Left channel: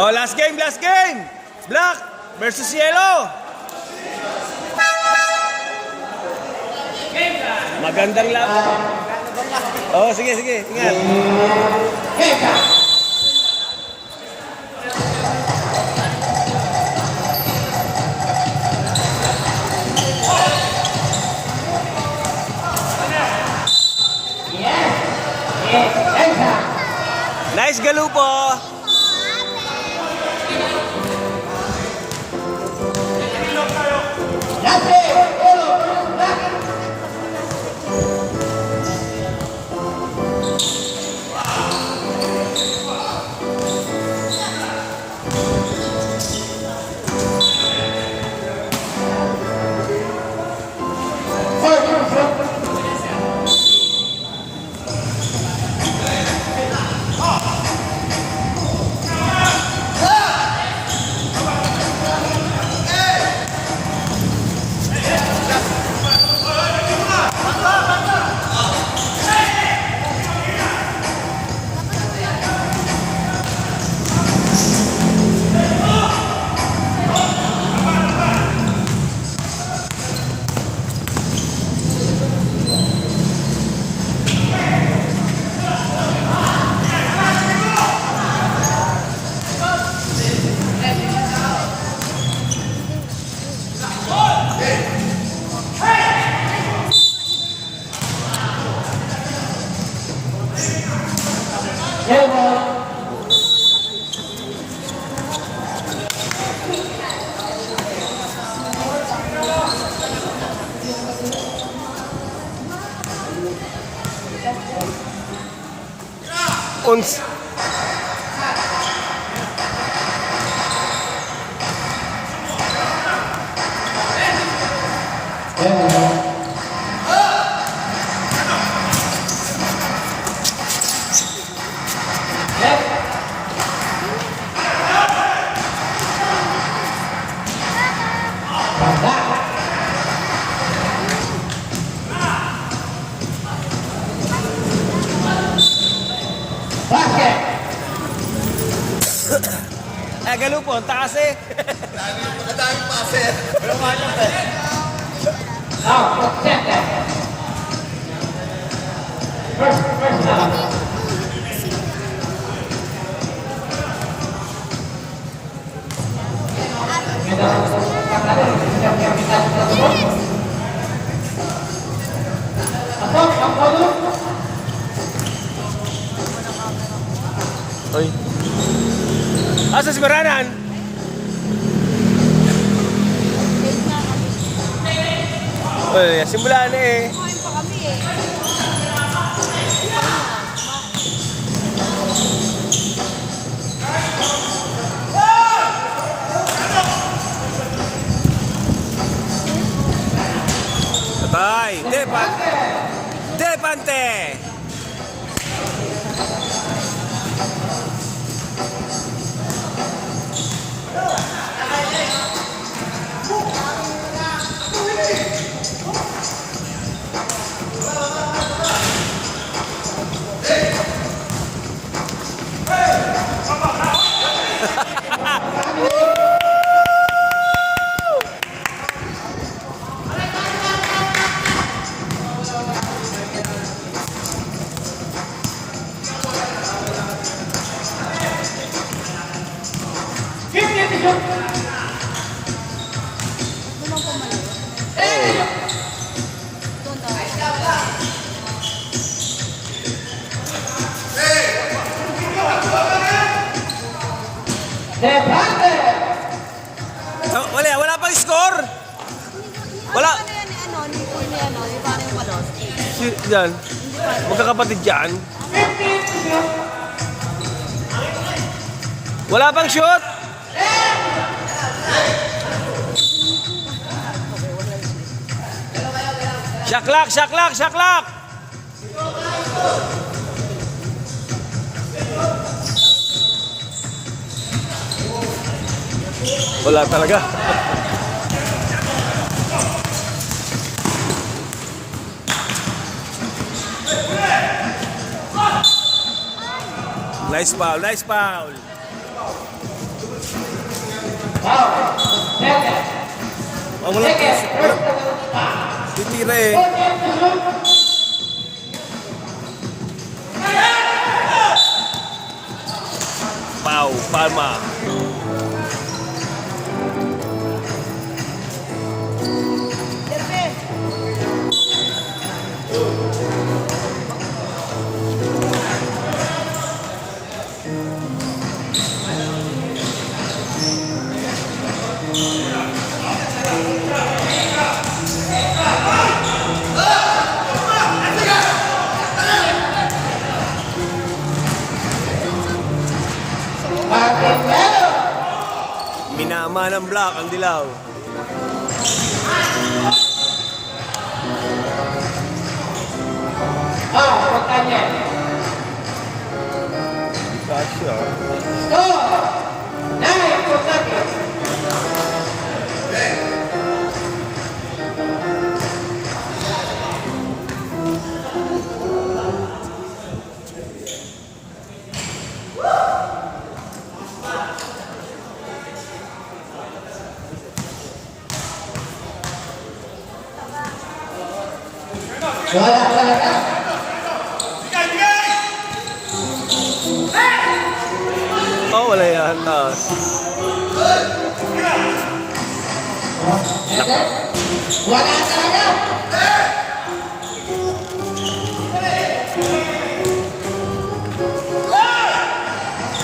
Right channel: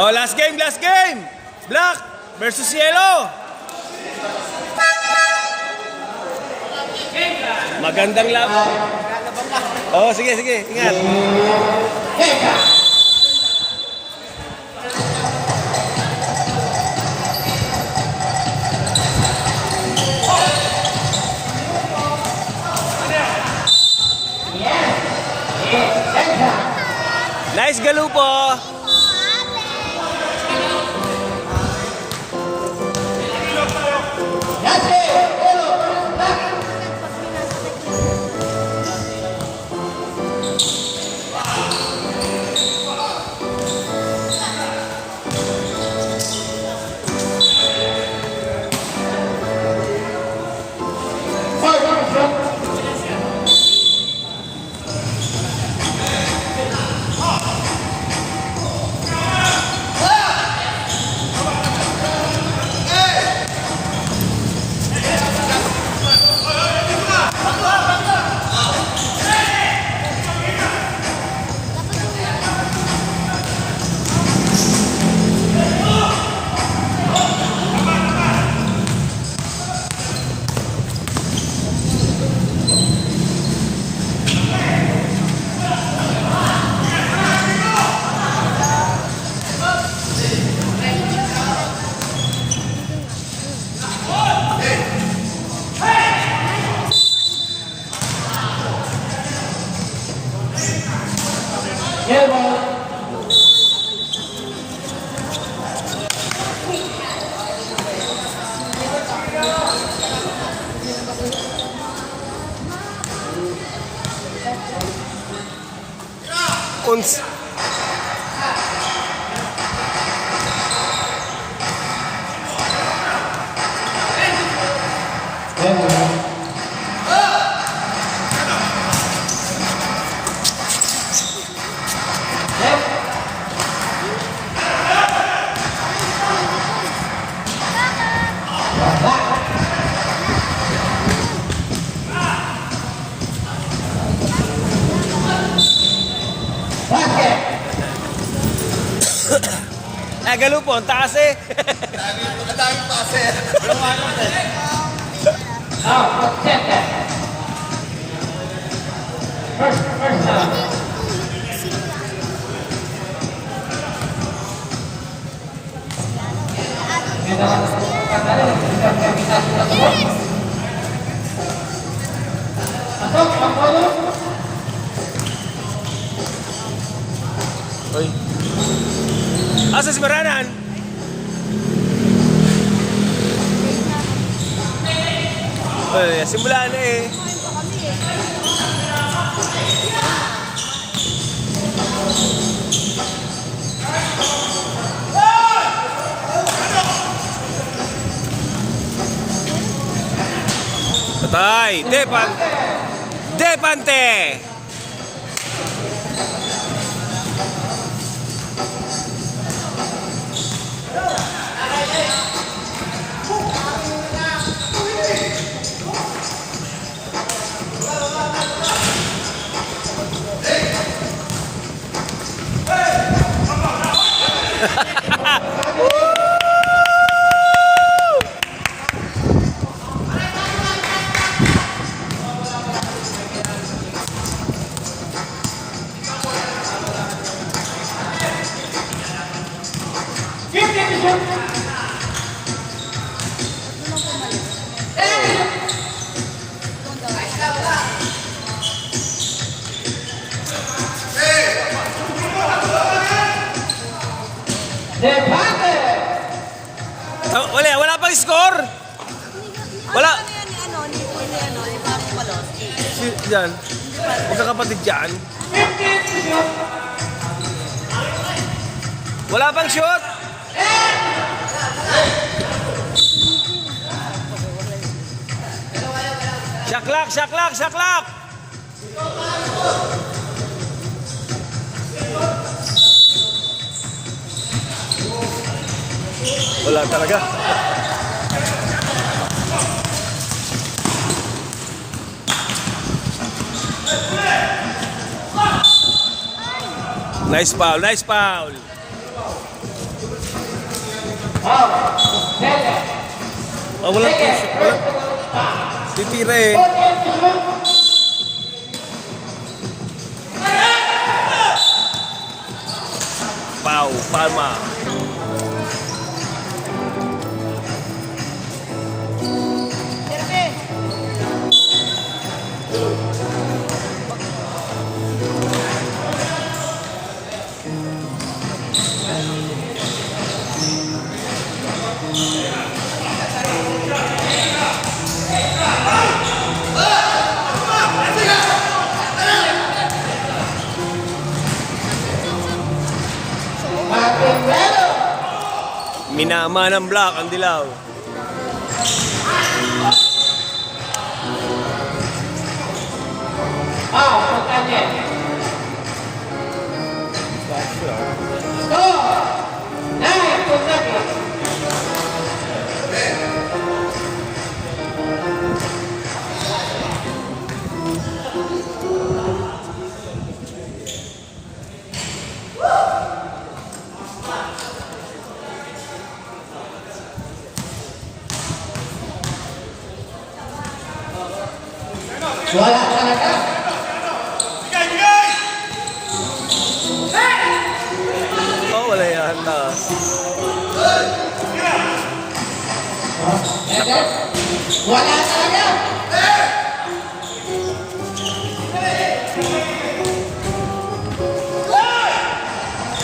Oh, last game, last game. Black versus yellow. Magandang laban. Oh, sige, sige. Ingat. Nice galupo. Uns. Nagalupo, ang taas eh. Madaming pase. Walang walang eh. Oy. Asas beranan. Eh, simulan eh. Patay, Depante. Oh, wala pang score. Wala. Yan. Magkakapatid yan. Wala pang shoot. Shaklak. Wala talaga. Nice foul. Oh, wala. Titira eh. Pau, palma. Minama ng block ang dilaw. Oh, wala yan.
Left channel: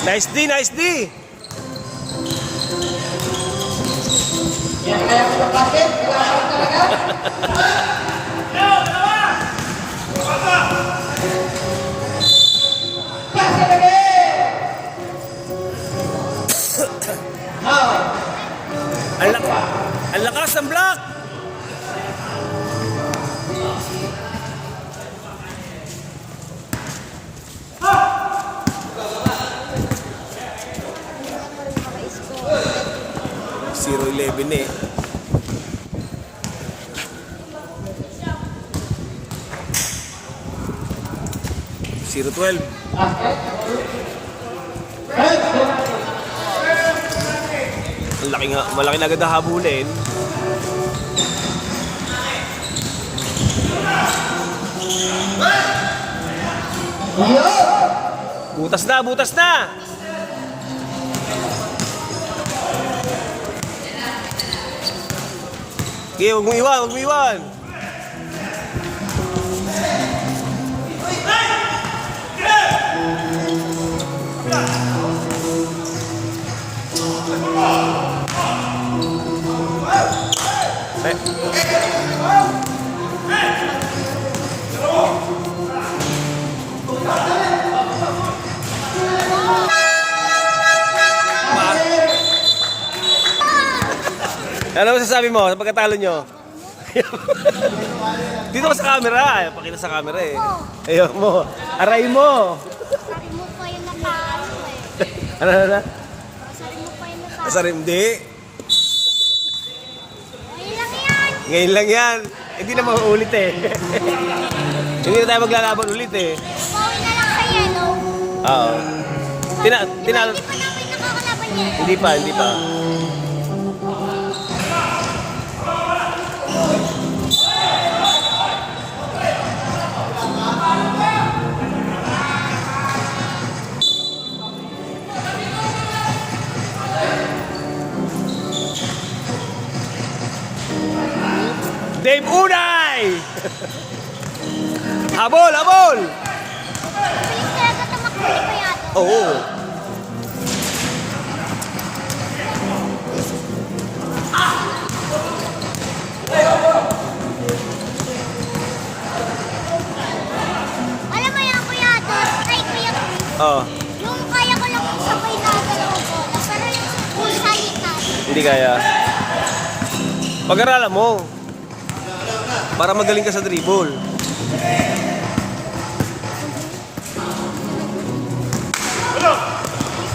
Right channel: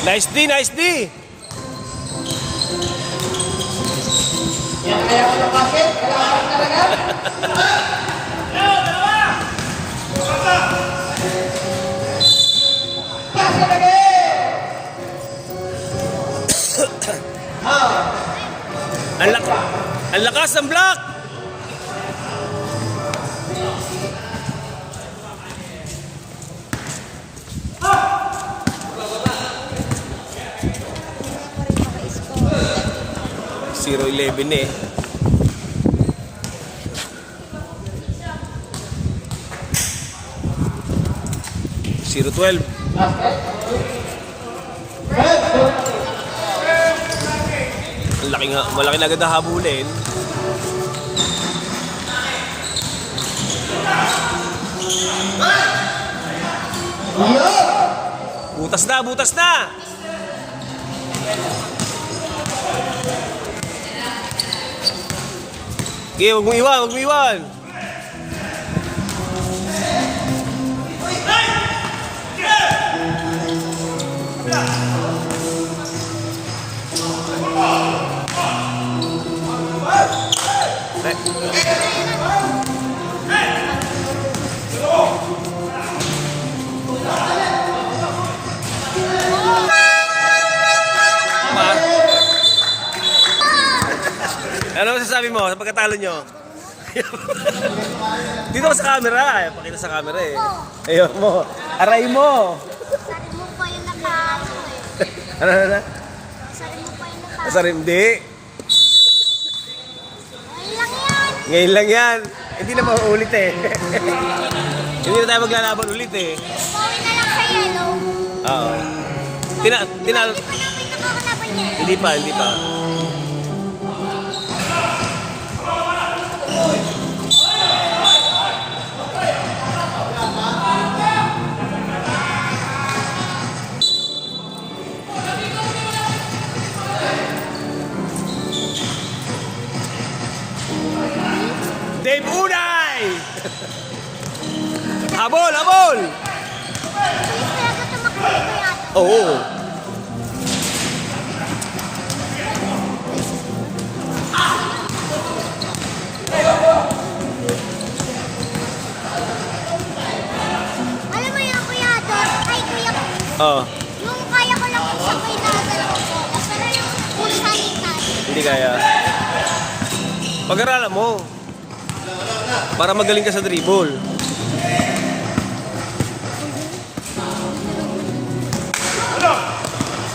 Nice D, nice D. Yan kaya ko ng bakit? Kailangan talaga? Kasi lagi! Ang lakas ng block. Zero 11 eh. Zero 12. Malaki na agad na habulin. Butas na, butas na. Okay, wag mo iwan, wag mo iwan. Ano masasabi mo sa pagkatalo nyo? Dito ka sa camera. Pakita sa camera eh. Ayaw mo. Aray mo. Sabi mo pa yung nakaano eh. Ano? Sabi mo pa yung nakaano. Sa hindi. Ayun lang yan. Ngayon lang yan. Hindi na mauulit eh. Hindi na tayo maglalaban ulit eh. Bawi na lang sa yellow. Oo. Hindi pa ako laban yan. Hindi pa, hindi pa. Dave Unay! Habol, habol! Please, kaya ko tumakbo pa yata. Oo. Alam mo yung kuya doon, ay kuya Chris, Oh, yung kaya ko lang kung sabay na galaw ko, pero yung kung salitan, hindi kaya. Pag-aralan mo. Para magaling ka sa dribble.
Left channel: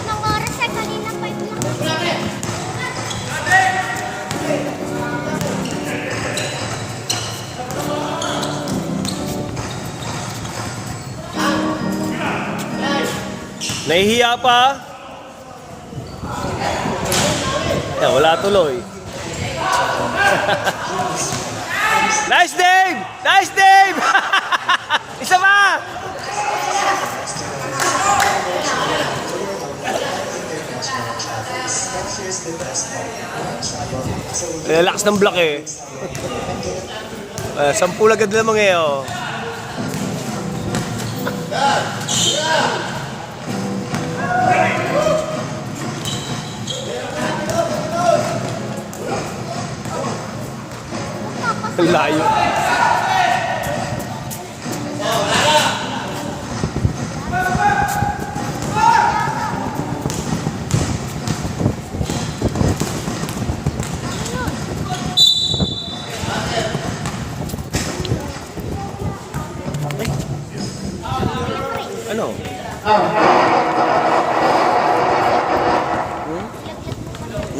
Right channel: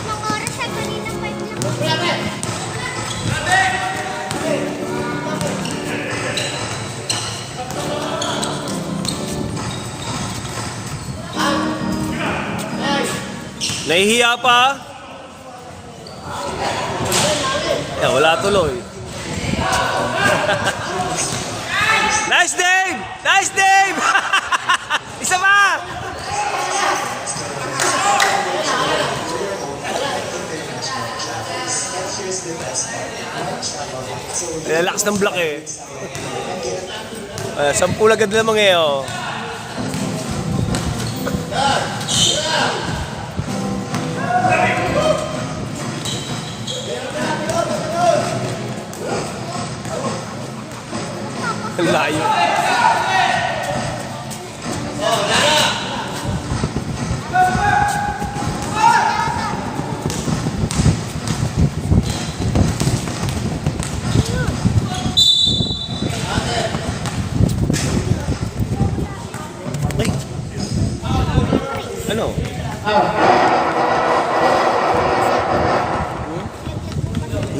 ng oras ay kanina pa yung nakakita. Nahihiya pa? Yan, wala tuloy. Nice Dave! Nice Dave! Isa pa! Relax ng block eh. 10 agad lamang eh oh. Ang layo. Ano?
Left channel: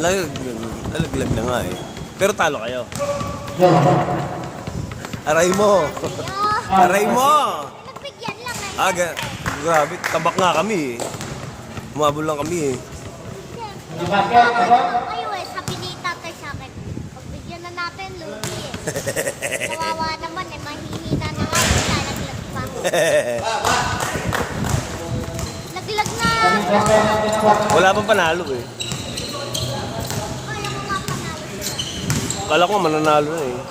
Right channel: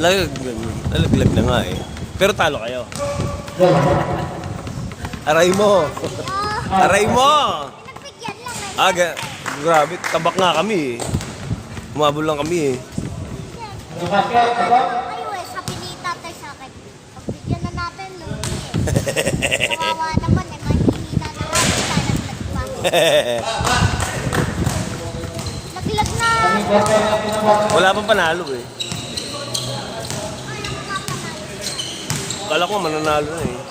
Laglag na nga eh. Pero talo kayo. Aray mo. Aray mo. Nagbigyan lang eh. Grabe. Tabak nga kami eh. Umabol lang kami eh. Kayo eh, sabi ni tatay sa akin, pagbigyan na natin, lugi eh. Kawawa naman eh, mahihina na ako, naglag pa. Naglag na. Wala pang panalo eh. Alam mo nga panalo. Kala ko mananalo na eh.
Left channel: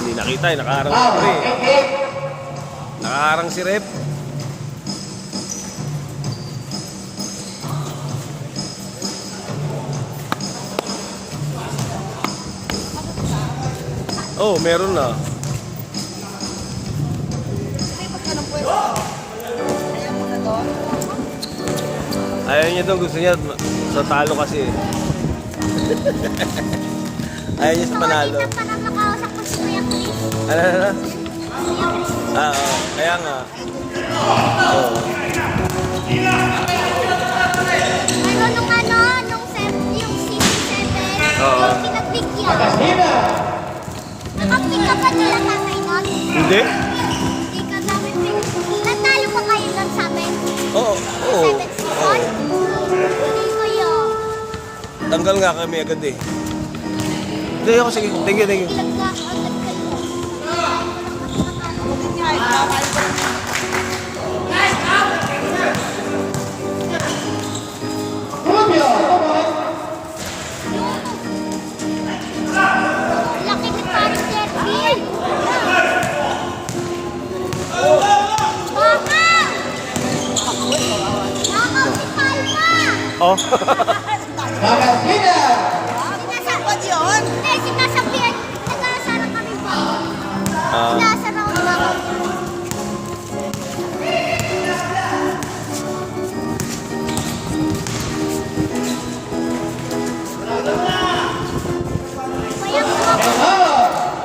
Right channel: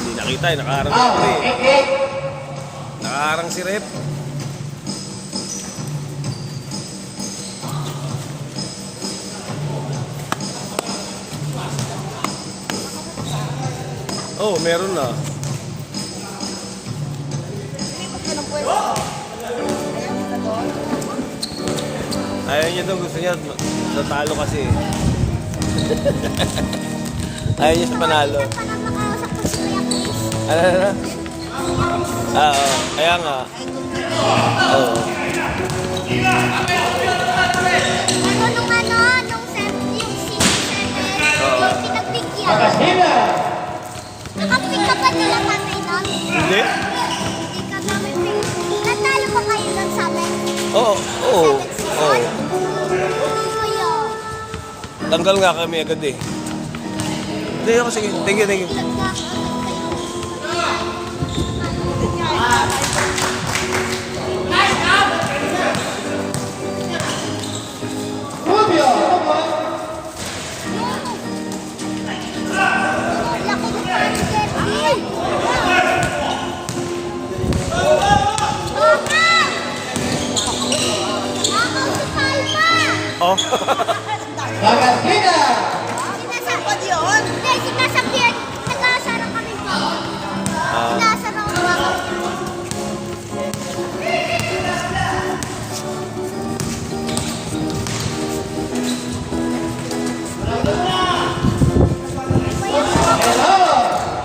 Hindi nakita eh. Nakaharang si Rep. Nakaharang si Rep. Oh, meron na. Ayaw niya doon, gusto niya sa talo kasi. Ayaw niya sa panalo. Parang nakausap ko si Kuya Chris. Ano? Kaya nga. Oo. Ano nung nung yung CC7, yung pinagbigyan. Nakapig ka pa nila tatay nun? Hindi? Hindi ka namin pig. Natalo pa kayo nun sa amin? Oo. Oo. Oo. Hindi ko yun. Tanggal nga kami agad eh. Hindi ako sige. Thank you, thank you. Ilag na ako. Laki na parang Derby. Nakaw si Palma. Oh. Sinasabihan, nag-aasarang kami ba? Sinasaraw na ako.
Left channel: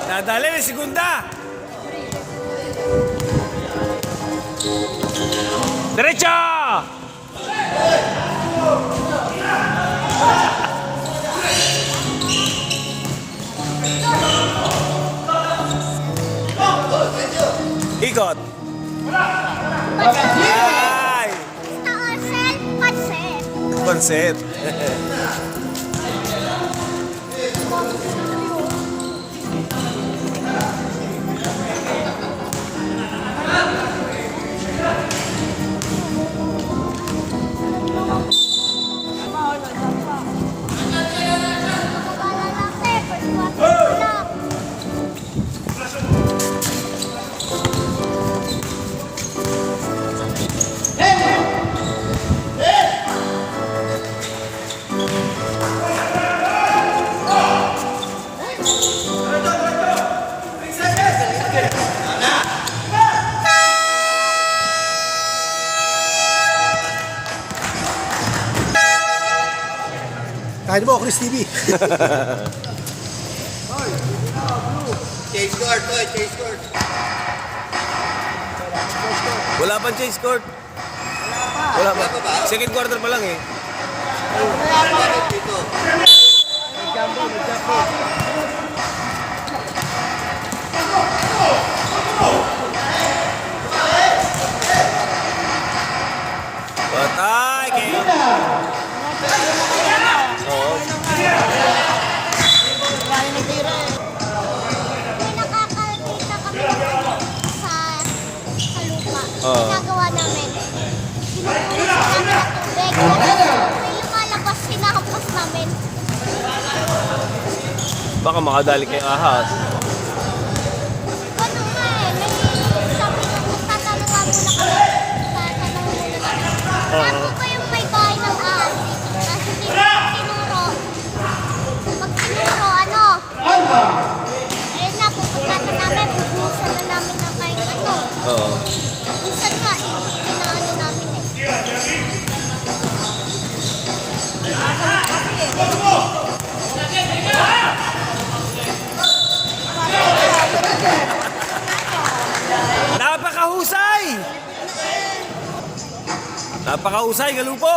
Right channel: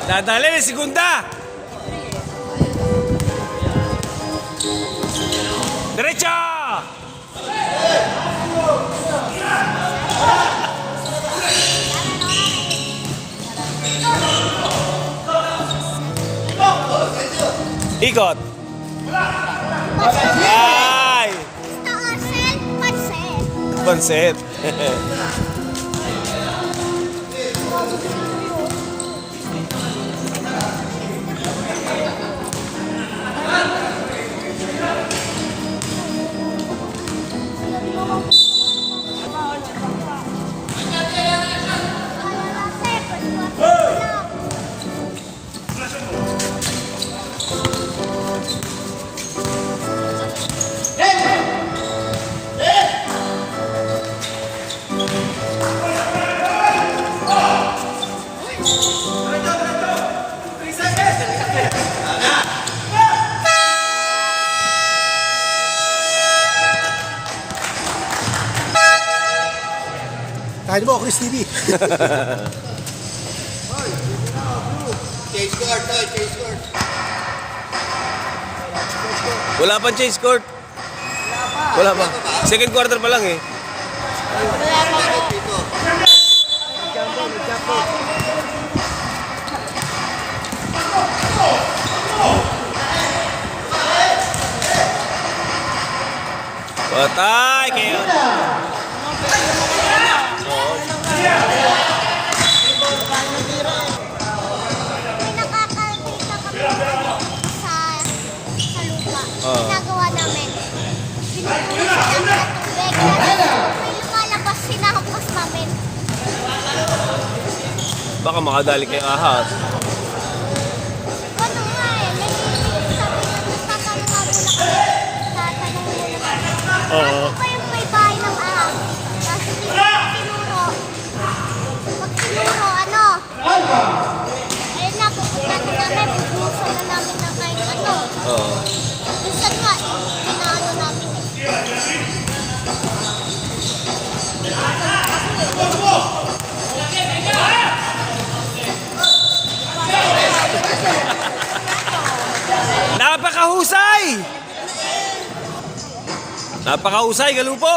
Dadali, segunda. Derecha! Ikot. Ay! Taasel, pansit. Konset. Kahit mo, Chris TV. Change court, Toy. Change court. Wala pang change court. Wala pa. Second quarter pa lang eh. Bakit dito? Baka makadali kay ahas. Ano nga eh, may sabi nung tatanungan muna kami. Oo. Ano ba yung may bahay ng ahas dito? Kasi tinuro. Pag tinuro, ano? Ayun nga, pupunta na namin, pupusan na namin na kayo ano. Oo. Pupusan nga, pinaano namin eh. Napakahusay! Napakahusay, Galupo!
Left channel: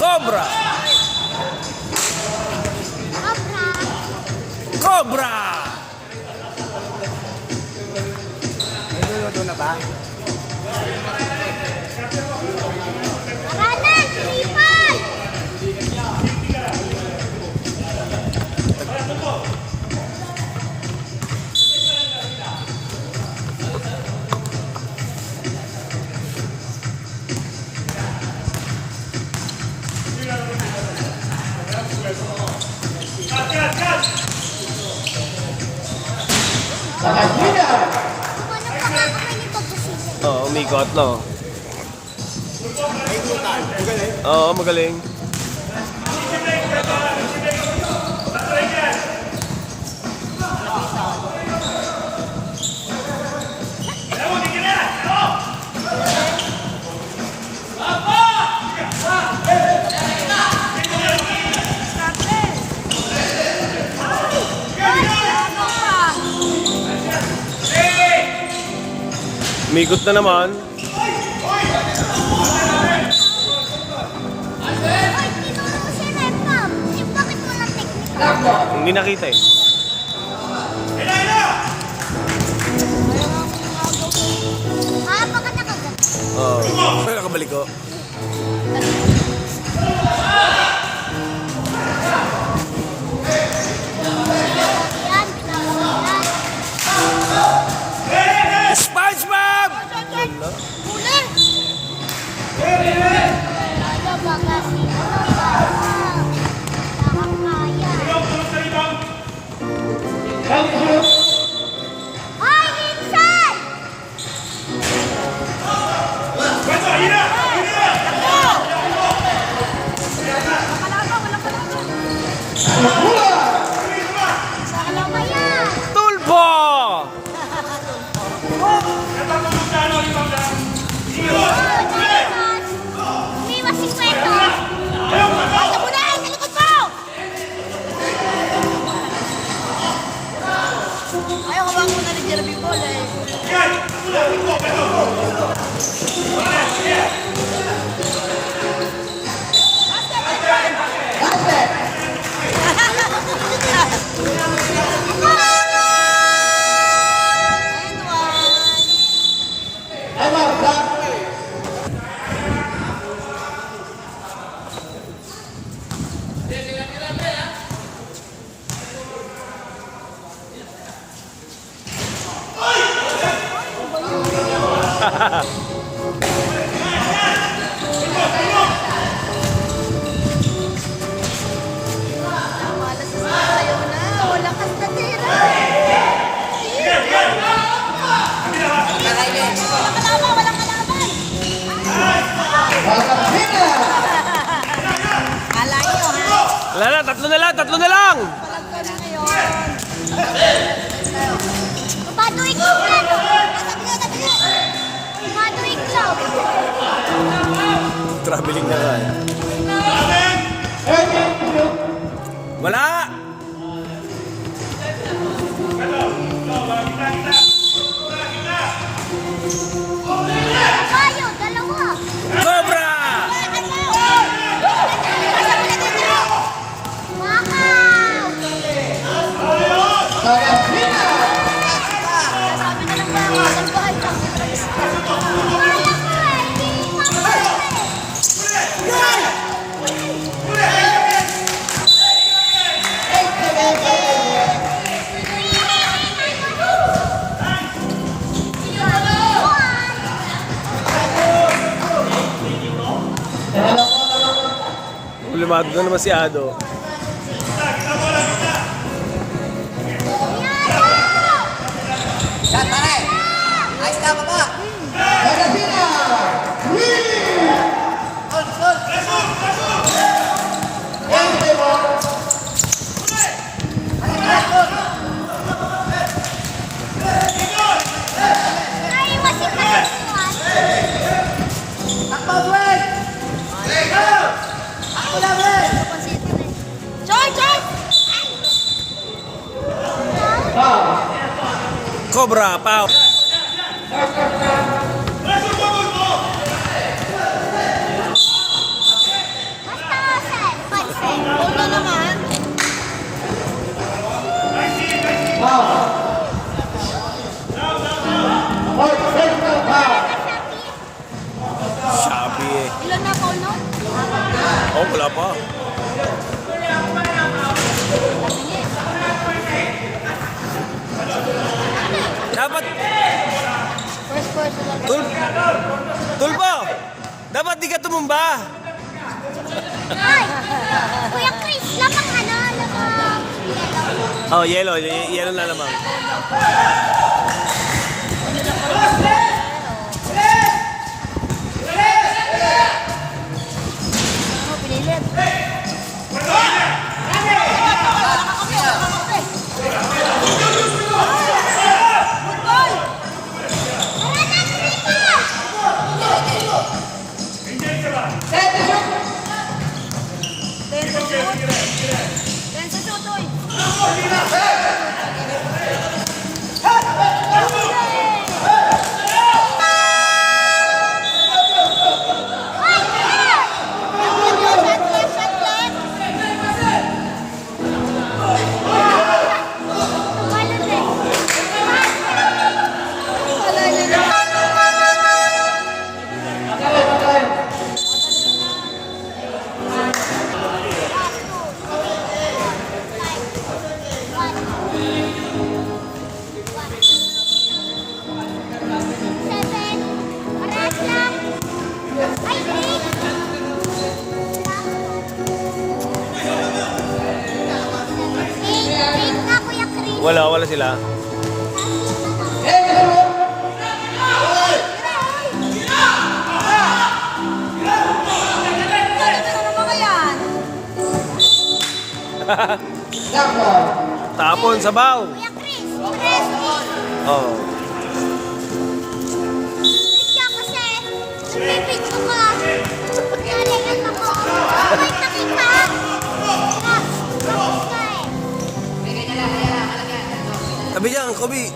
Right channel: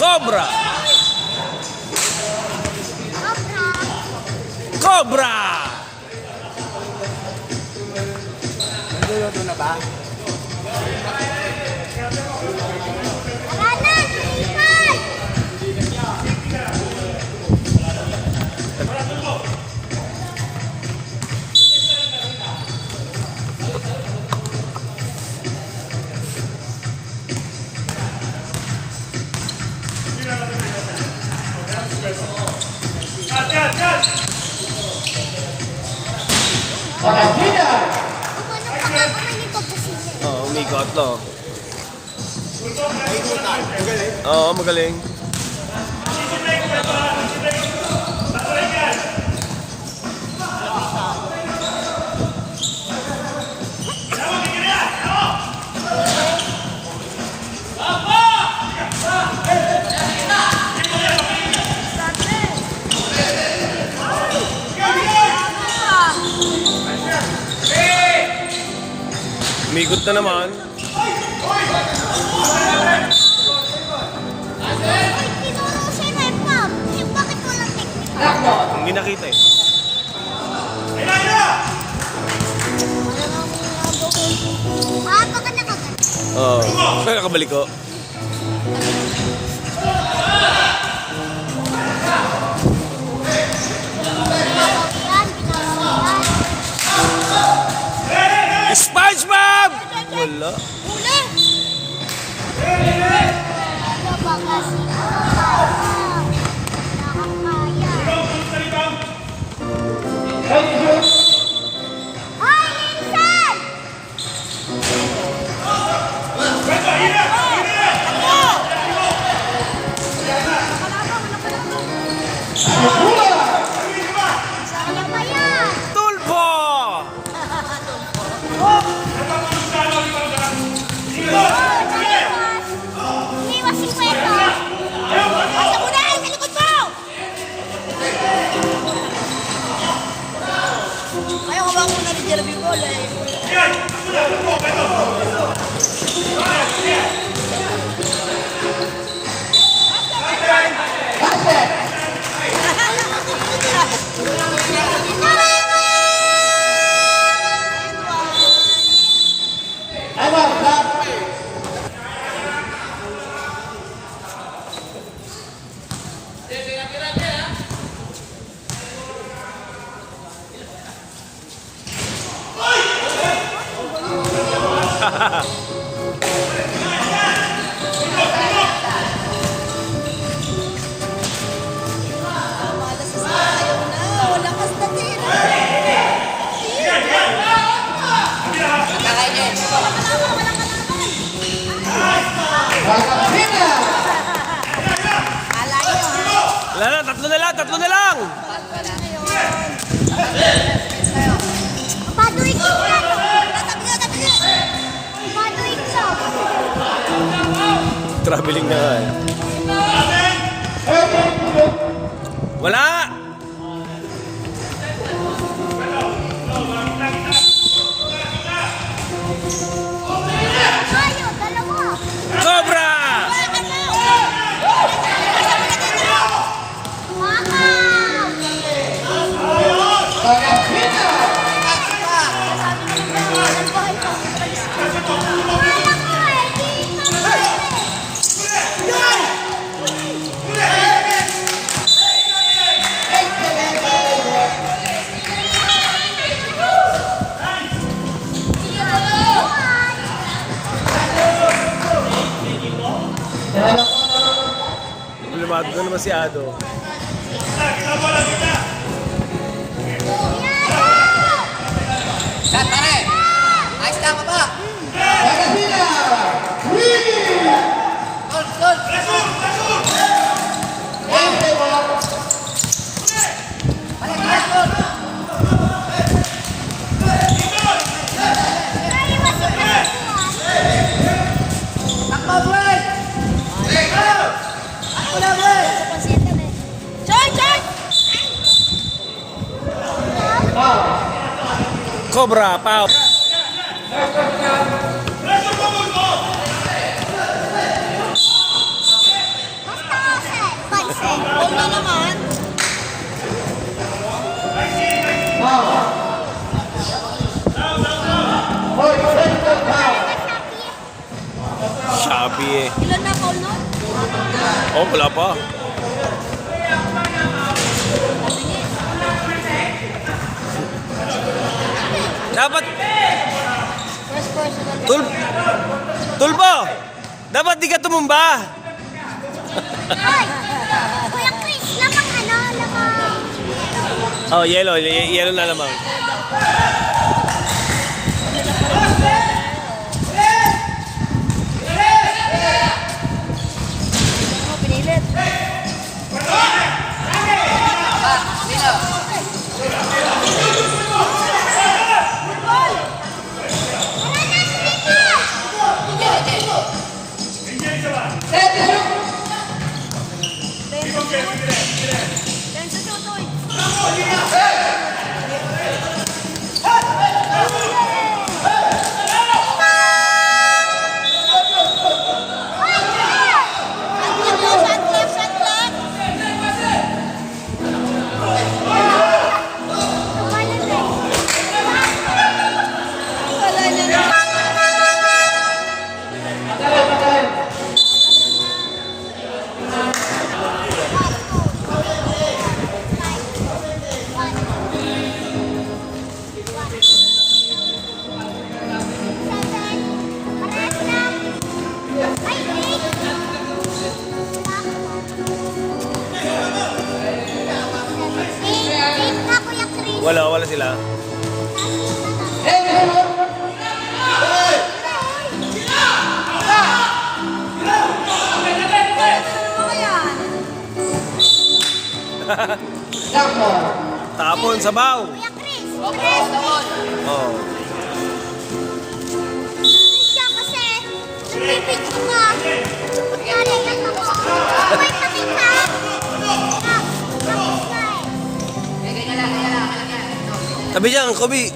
Cobra! Abra! Cobra! Niluluto na ba? Tara na, sipag! Sa kabina. Kumanong pa nga kamay ni Bob sa sili. Oo, umikot, no? Ikutan. Magaling. Oo, magaling. Umikot na naman. Oy, tinuro si Repam. Bakit walang technical? Hindi nakita eh. Ah, baka nakagat. Oo. Kaya kabalik ko. Yan, pinapakita. SpongeBob! Wala. Huli! Ano ba kasi? Ano ba? Bakit kaya? Hoy, Vincent! Kaya pa yan! Tulpo! Iniwas si Kwento! Basta mo na! Sa likod mo! Ayaw ka ba ako na ni Jeremy Paul eh? Time out, stop. Malas sa ayaw na. Wala kas na tira. Wala na, tatlo na lang, tatlo na lang! Bad week si Kwento! Tabi niyo! Bad week siya! Traveling na yan. Wala! Tayo, dalawa! Cobra! Wakaw! Sa kabina. Kala ko eh, hindi pa pwede. problemado na naman si Ado. Magazina! Winning! One table. Choy, choy! Cobra, pao. Huwag na naman. Boy, technical foul. Sabi eh. Ilan na foul nun? Oh, wala pa. Dapat, First personal. Tulpo! Dapat di ka tumumba. Ay! Kuya Chris, lamang ano, lamang. Oh, yellow. Yellow na lamang. Ano, pinilit? Yan sa tutoy. Shot clock, shot clock. Wala niya na. Wala sila. Tapon, sabaw. Kuya Chris, Chris, Oh. siya kasi nagpipicto ka. Pagkalaman ako. Wait na kita. Sabi dyan, Kobe.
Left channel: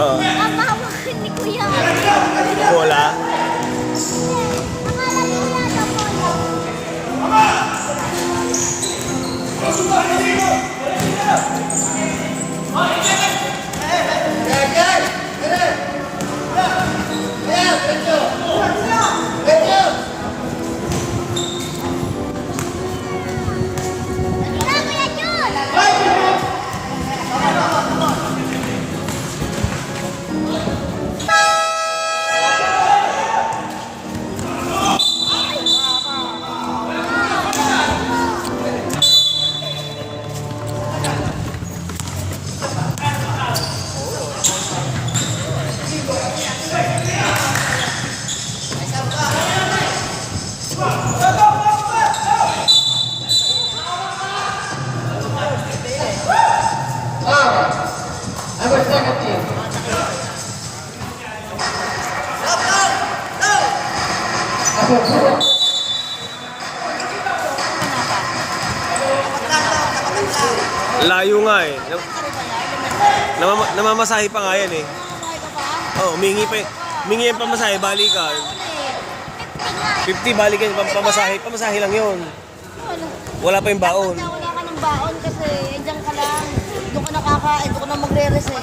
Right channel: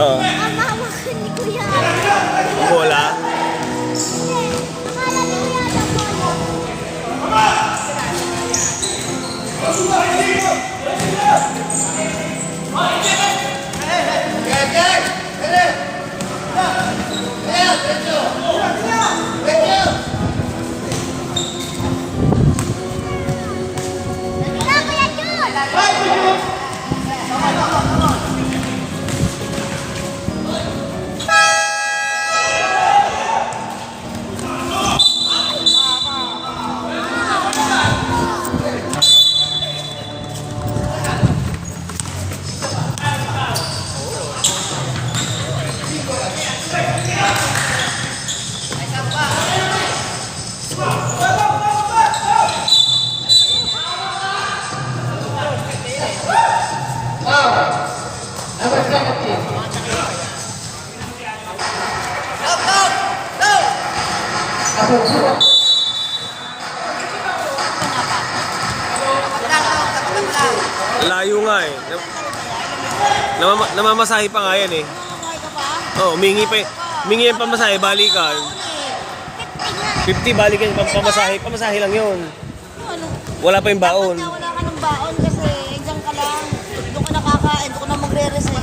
Oo. Kapahawakan ni Kuya. Bola. Hindi. Akala ni Kuya na bola. Wala Kuya Jun. Number 17. Number 4. Layo nga eh. Namamasahe pa nga yan eh. Oh, mingi pa. Mingi yung pamasahe, balikan. 50 balikan, pamasahe. Pamasahe lang yun. Wala pa yung baon. Dapat na wala ka ng baon kasi dyan ka lang. Doon ka nakakain, doon ka na magre-reset.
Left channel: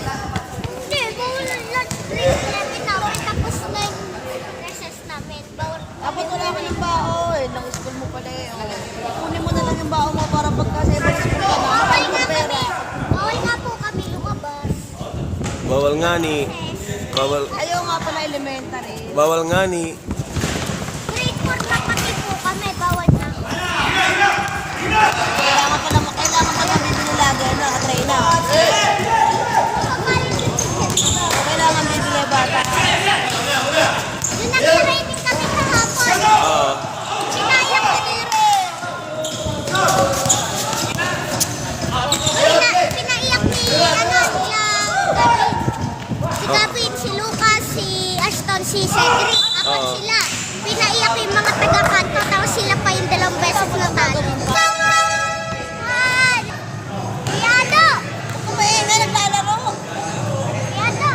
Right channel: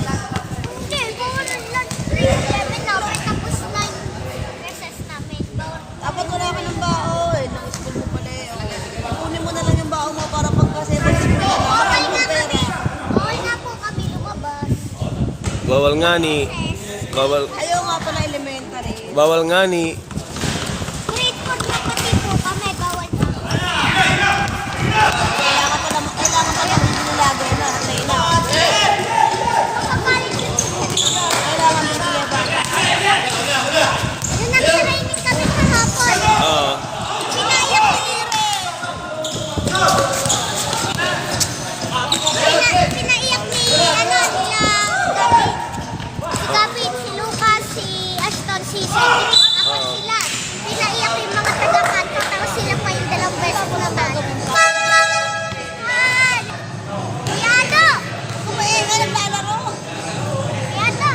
Hindi, bawal lang. 3-11 na. Tapos na yung recess namin. Bawal. Dapat wala ka ng baon. Lang school mo pala eh. Oh. Kunin mo na lang yung baon mo para pagka 7 school ka na. Marami kang pera. Bawal na po kami lumabas. Bawal nga ni. Bawal, Ayaw nga pala elementary. bawal nga ni. Grade 4 na pati po kami, bawal na. Kailangan pala bibili lagi na. Try na. Kailangan bibili bata. Yung nag-training kami kahapon. Oo. Sinayang ni Pinaiyak ni si Gavin, si Lucas, si Ashton, si Cedric, apat sila. Pinaiyak yung mga taga-kanto, tapos sila pa yung 2 beses na talo. Ay! Yado! Kumain na naglalaro. Yado!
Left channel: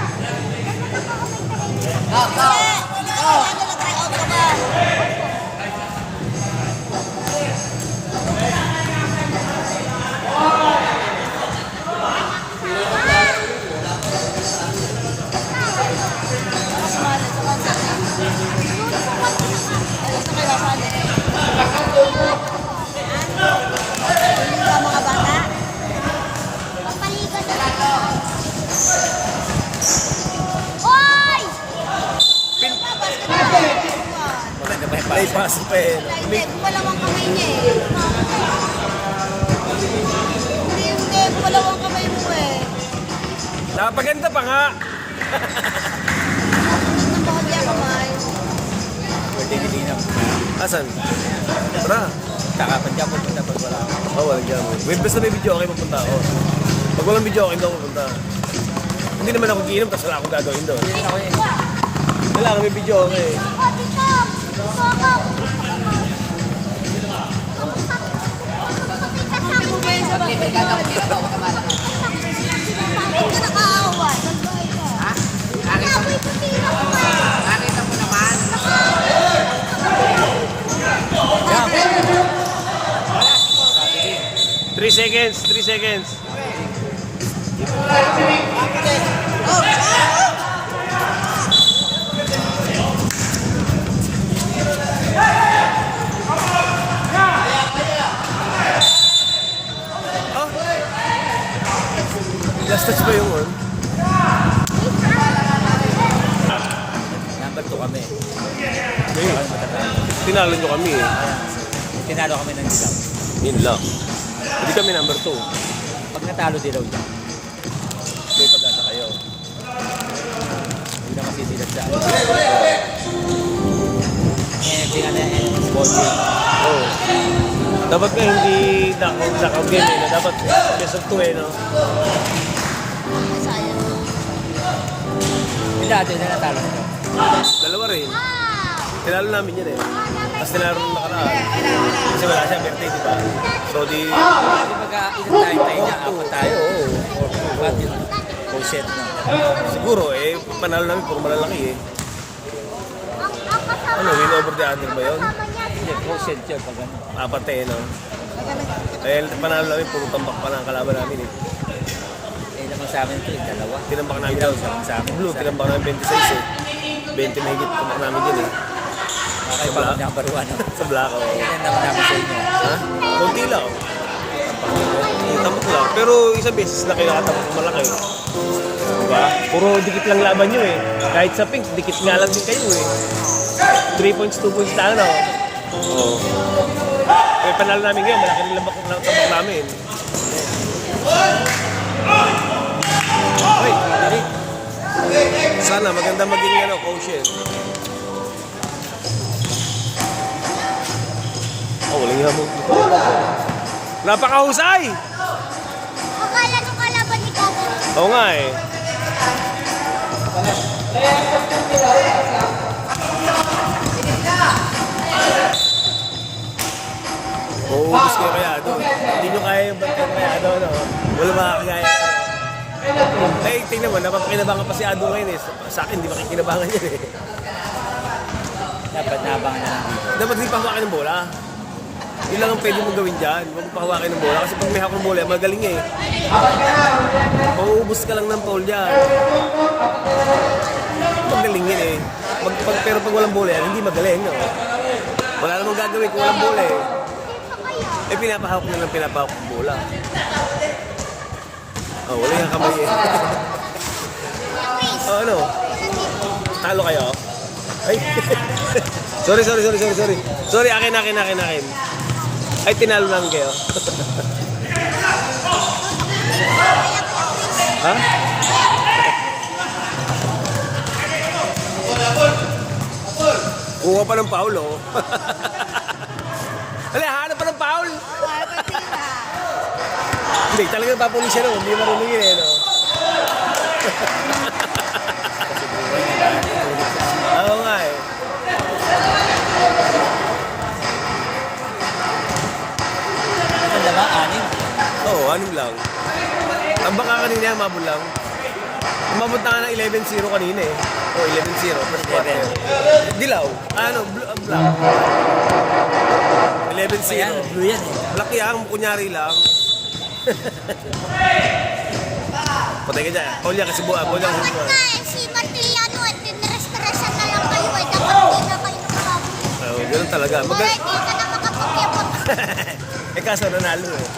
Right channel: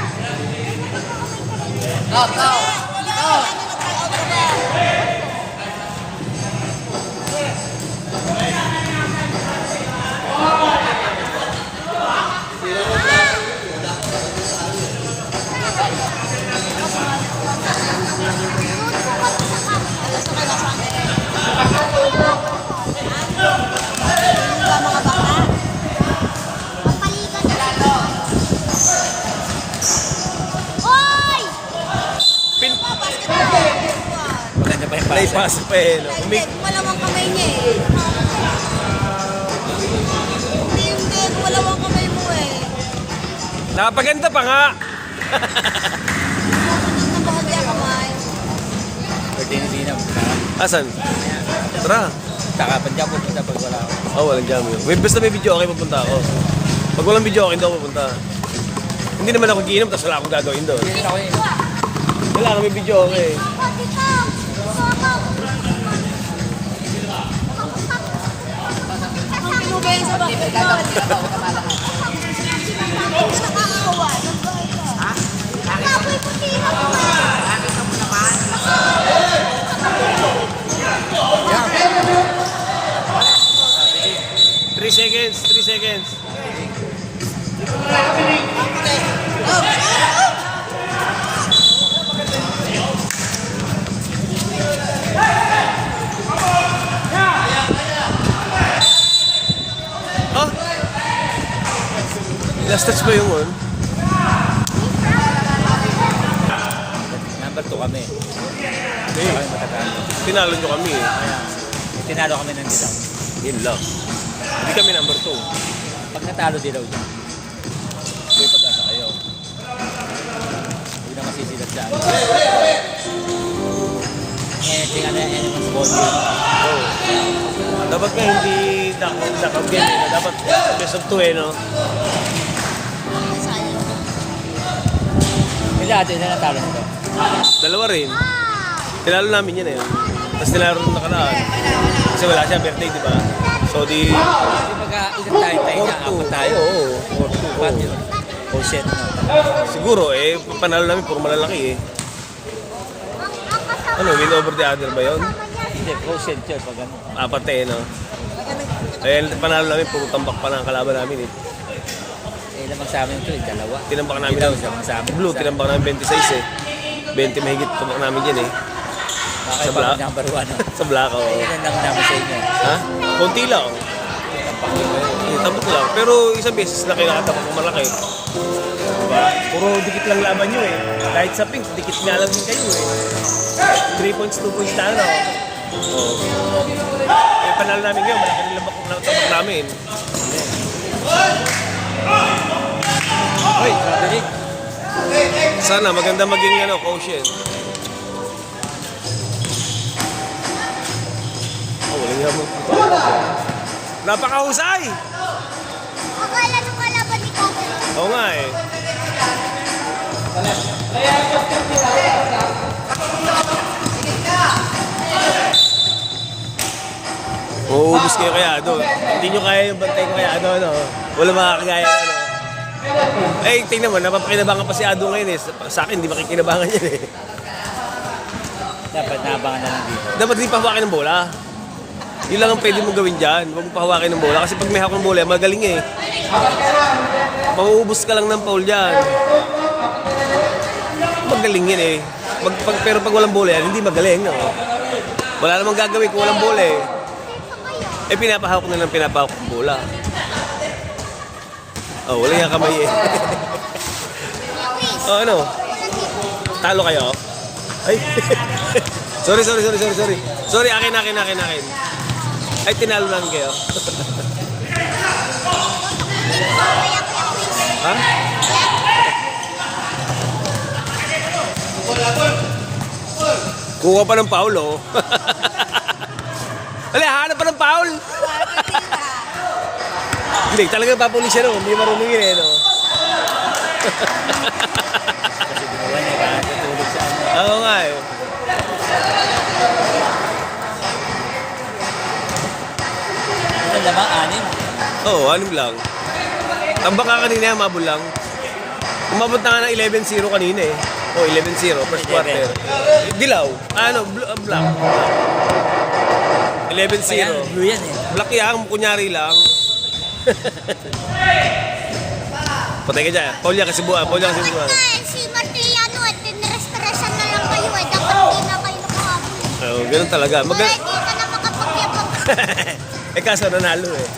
Ganun ako may training. Oy! Pin... Maganda ba yung Play pasa? pass pa eh. Hindi, malawang kamay niya eh. Hindi, malawang kamay mo eh. Nakapaganda pa nga. Ang bakal niya kamay. Birthday ni Binaw. Asan? Tara. Takapan dyan, pupunta pag wala. Oh, walang jam. May basta may video okay magpunta ako. Pag walang video okay, hindi ako pupunta. Hindi naman ako giinom, tapos wala akong gagawin doon. Hindi ako yun. Wala ako may video okay. Soko, dito! Soko! Ang pinugay sa basketball. Baboy ko tira ko eh! 3 seconds, 3 seconds. Oh? Last touch ba yung on? Number 2 kami. Hindi. Tinalo nyo kami eh. Tinalo kami ng dilaw. Yun lang. Hindi kami number 2. Pag natalo dilaw dyan, may pag-asa kayo. Huwag na masisilat dyan. Tingnan na yan, small game. Oh. Dapat nga hindi knockout game eh. Dapat best of 2 eh, no? Ay, sayang. Yung dati na natalo nito. Dalawa rin. Tinalo namin yan eh. Tapos tinalo rin nakaraan. Kasi wala siya, birthday, di ba? So di... Kasi pagka isang tayo niya, apat tayo. Oo. 4-2-1 yun. Full set na. Siguro eh, panalo namin puro malalaki eh. Ang kasama Ano, win over the other ba yun? niya, Hindi, full set yun pag ano. Apat eh, no? Eh, panalo namin, puro tambak pa ng kalaban namin eh. Eh, lamang sa amin ito eh, dalawa. Tinambak namin Dilaw, daw. lamang sa amin. Blue, tinambak namin 26 eh. 20 mahigit tambak namin dyan eh. Okay, Sa black. pag number 1. Sa black, oh. Yan naman namin sa inyo. Ha? Konti lang. Tambak lang. Pero isang beses na kinakatabak ng malaki. Diba? Puro dikit lang laban nyo eh. Kahit sa pink, dikit nga lang din kayo eh. 3 points, 2 points na ano. Eh, panalo namin ngayon, malaking labak ng tabak namin. Uy, dali. Sana maganda maging ano, quotient. Oh, walang hamon dito. Napakahusay! akala nung kalaban ni Gavin. Oo nga eh. Uubos kayo kaya doon. Hindi nyo kaya yung bantay ko kaya doon. Ano? Wala makakagaya. Ano? Eh, tingnan mo, napapakinabangan pa si Ado ngayon eh. Sa akin, hindi makikinabangan yan eh. Dapat nabangan na lang dito. Dapat hindi pahawakin ng bola. Yun lang ang pwede mo gawin dyan. Huwag mo pahawakin ng bola. Kasi pag may hawak ng bola, magaling eh. Mauubos ka lang ng foul dyan. Magaling yun eh. Pero pag walang bola yan, hindi magaling. No? Wala namang gagawin kung walang bola eh. Eh, pinapahawak na lang pinapahawak ng bola. Oh, wala yung kamay eh. Oh, ano? Talo kayo? Ay. sorry. Sorry, akin. Ay, tinalo lang kayo. Ha? Kuha pa ng foul, oh. Wala, hanap pa ng foul. Oo, ay patira. Hindi, talaga papulis siya, no? Hindi marunong yun, eh, no? Oo nga, eh. Ano naman, anim? Oo, anim lang. Ang baka kanina, mabul lang. Umabot na nga ng 11-0 kanina, eh. O, 11-0, first quarter. Dilaw. Black. 11-0. Blue yan eh. Black yan, kunyari lang. Patay ka dyan. Polya kasi buwan. Si Martiliano, tinrestaresan na lang kayo eh. Dapat di na kayo kumabot. Ganun talaga. Di ka na makapag-ibot. Kaso nanalo eh.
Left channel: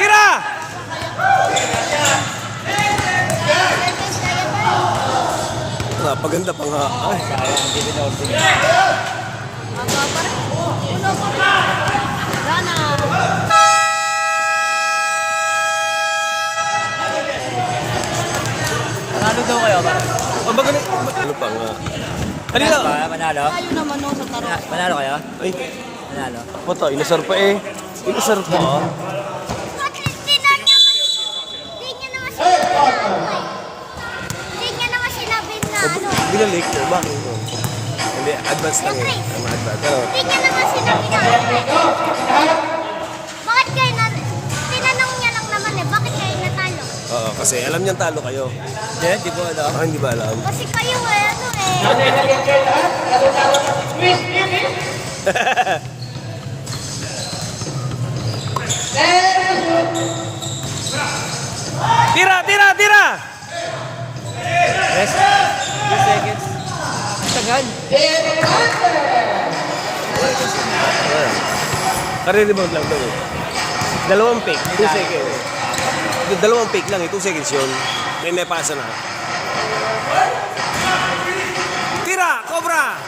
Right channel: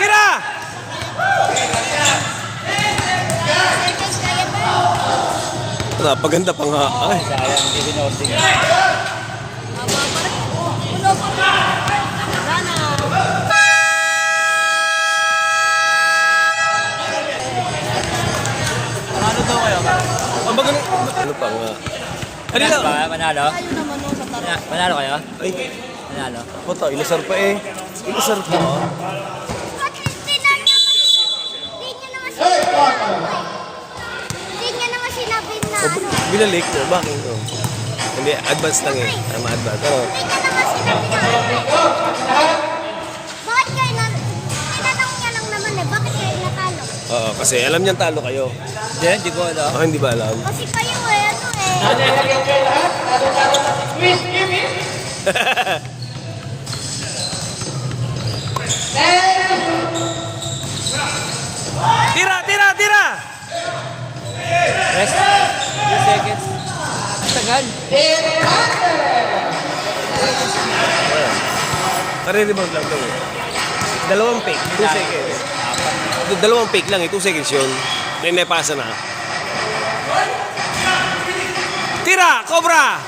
Tira! Napaganda pa nga. Ay, Sayang, hindi binording. Haba pa rin. Wala pa rin. Sana. Ano ba kayo? ang magaling. Ano pa nga? Kanina. Manalo? Tayo naman o sa tara. Manalo kayo? Ay, Manalo? puta, inasar pa eh. Inasar pa. Hindi niya naman sinabi na O, binalik ko. Bakit? Hindi, advance lang eh. Kaya ma-advance. Pero, Hindi niya naman sinabi na bakit kayo na tinanong niya lang naman eh, bakit kayo natalo? oo, kasi alam niyang talo kayo. Hindi ko alam. Ako hindi ba alam? Kasi kayo eh, Tira! Rest. 2 seconds. Tagal. Karinibound lang daw eh. Dalawang pick, 2 seconds. Dalawang pick lang eh, 2 seconds yun. May napasa na. Tira! Cobra!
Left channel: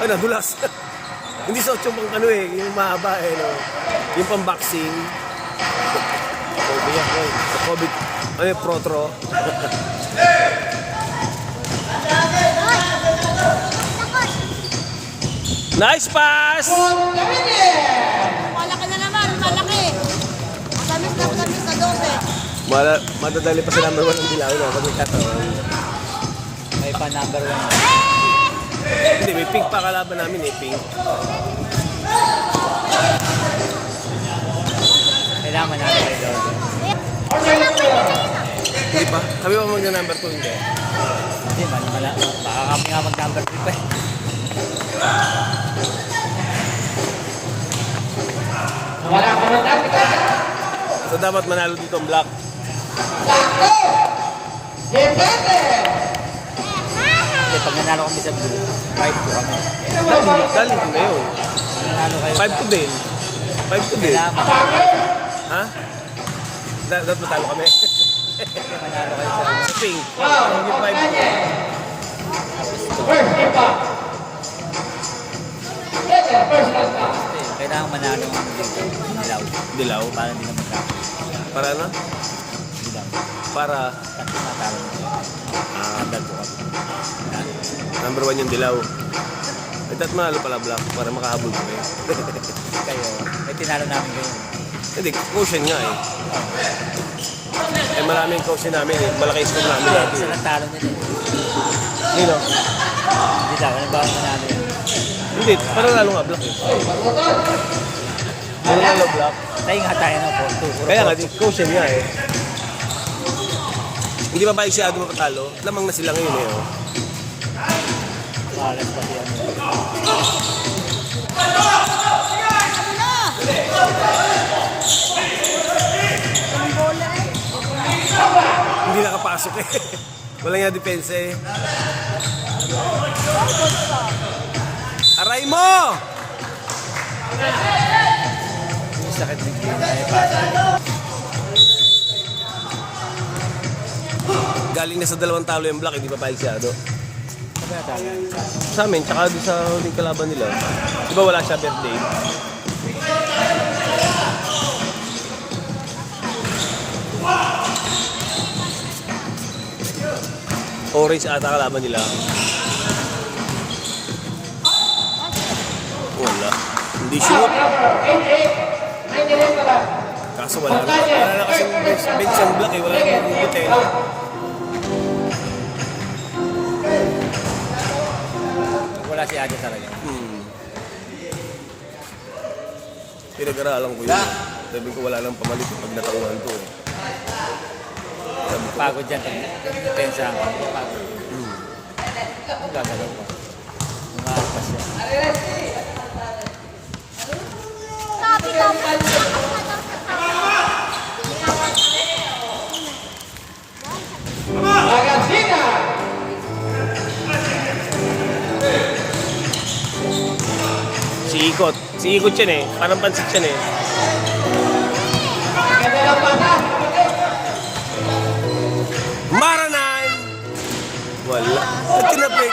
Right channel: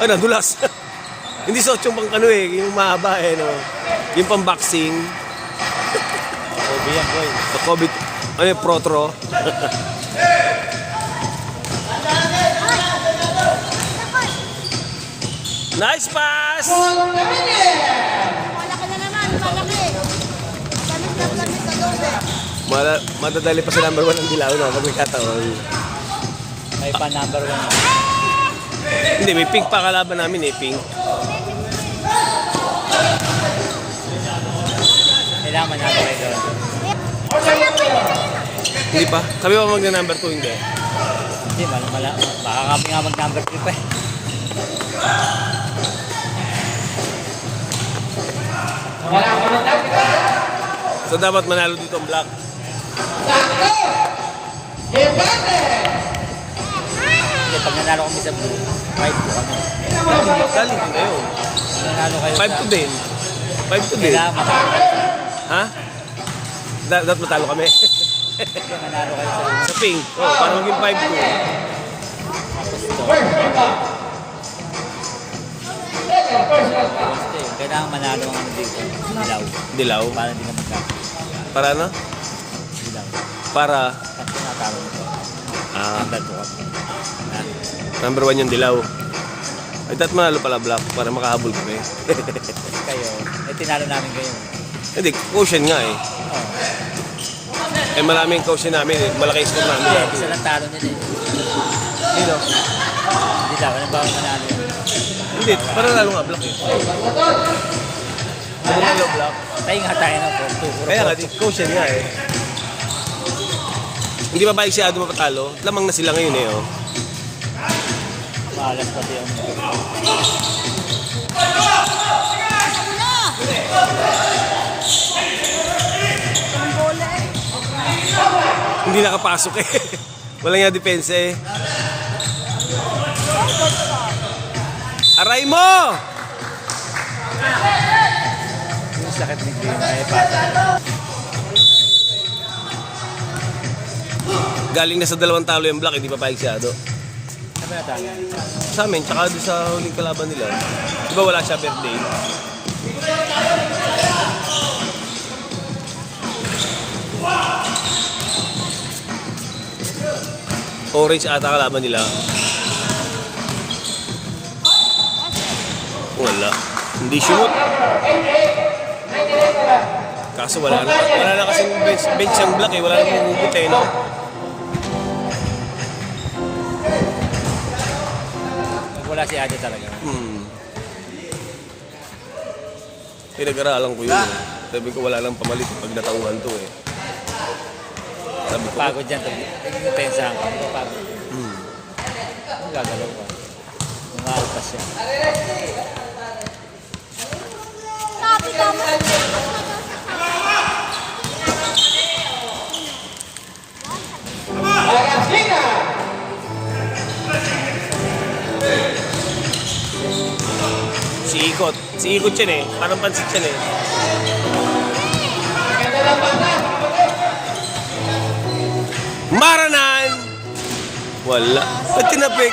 Ay, nadulas. Hindi sa 8 pang ano eh, yung mahaba eh, no? Yung pang boxing. Kobe yan, boy. Sa COVID, ano yung protro. Nice pass! Malaki na naman. Malaki. Gamis na doon eh. Madadali pa sa number 1 ang Dilaw na pag may kataon. May pa number 1. Hindi, may pink pa kalaban namin eh, pink. Kailangan manalo kayo doon. Hindi pa? Kami pa mag-number 2, hindi. Hindi, baka kami nga mag-number 3 pa eh. So dapat manalo dito ang black. Kasi pag nanalo kami sa blue, 5 po kami. Galing din kayo. Nanalo kayo. 5 to din. 5 to din. Kailangan manalo. Ha? Dapat matalo kami. Manalo kayo sa blue. Sa pink. Oh, parang yung 5 to. Kasi kailangan manalo ang dito. Dilaw. Dilaw. Para hindi ka magkakaroon. Para ano? Dilaw. Para Tapos natalo nito. Number 2 kami. number 1 yung dilaw. Ay, dapat manalo pala black para makahabol kami. Kayo, tinalo namin kayo. Hindi, caution nga eh. Eh maraming caution namin eh. Malaki score namin lahat. Isa lang talo nila eh. Sino? Dilaw, ano ba ang manalo yan? Hindi, para lalo nga black eh. Manalo black. Tayo nga tayo na po. Kaya nga, caution nga eh. Hindi ba ba siya mapatalo? Lamang na sila ngayon eh. Oh. Malas pati yung Asa mo na! Ang bola eh. Hindi nakapasok eh. Wala nga depensa eh. Aray mo! sakit ng game. Galing na sa 2 talo yung Black, hindi pa pahig siya, do. Sabi na tayo. Sa amin, tsaka doon sa huling kalaban nila. Di ba wala siya birthday? Orange ata kalaban nila. Wala. Hindi shoot. Kaso wala na kasi bench ang Black eh. Wala na magugot eh. No? Wala si Ate talaga. Pinag-aralan ko yun. Sabi ko wala nang pamalit pag natanguhan to eh. Sabi ko, Pagod dyan. Tensa ako. Pagod. Ang gagawin ko. Mga alpas yan. Argentina. si Ikot yan eh. Parang pansit yan eh. Maranan! Wala. Ba't tinapik?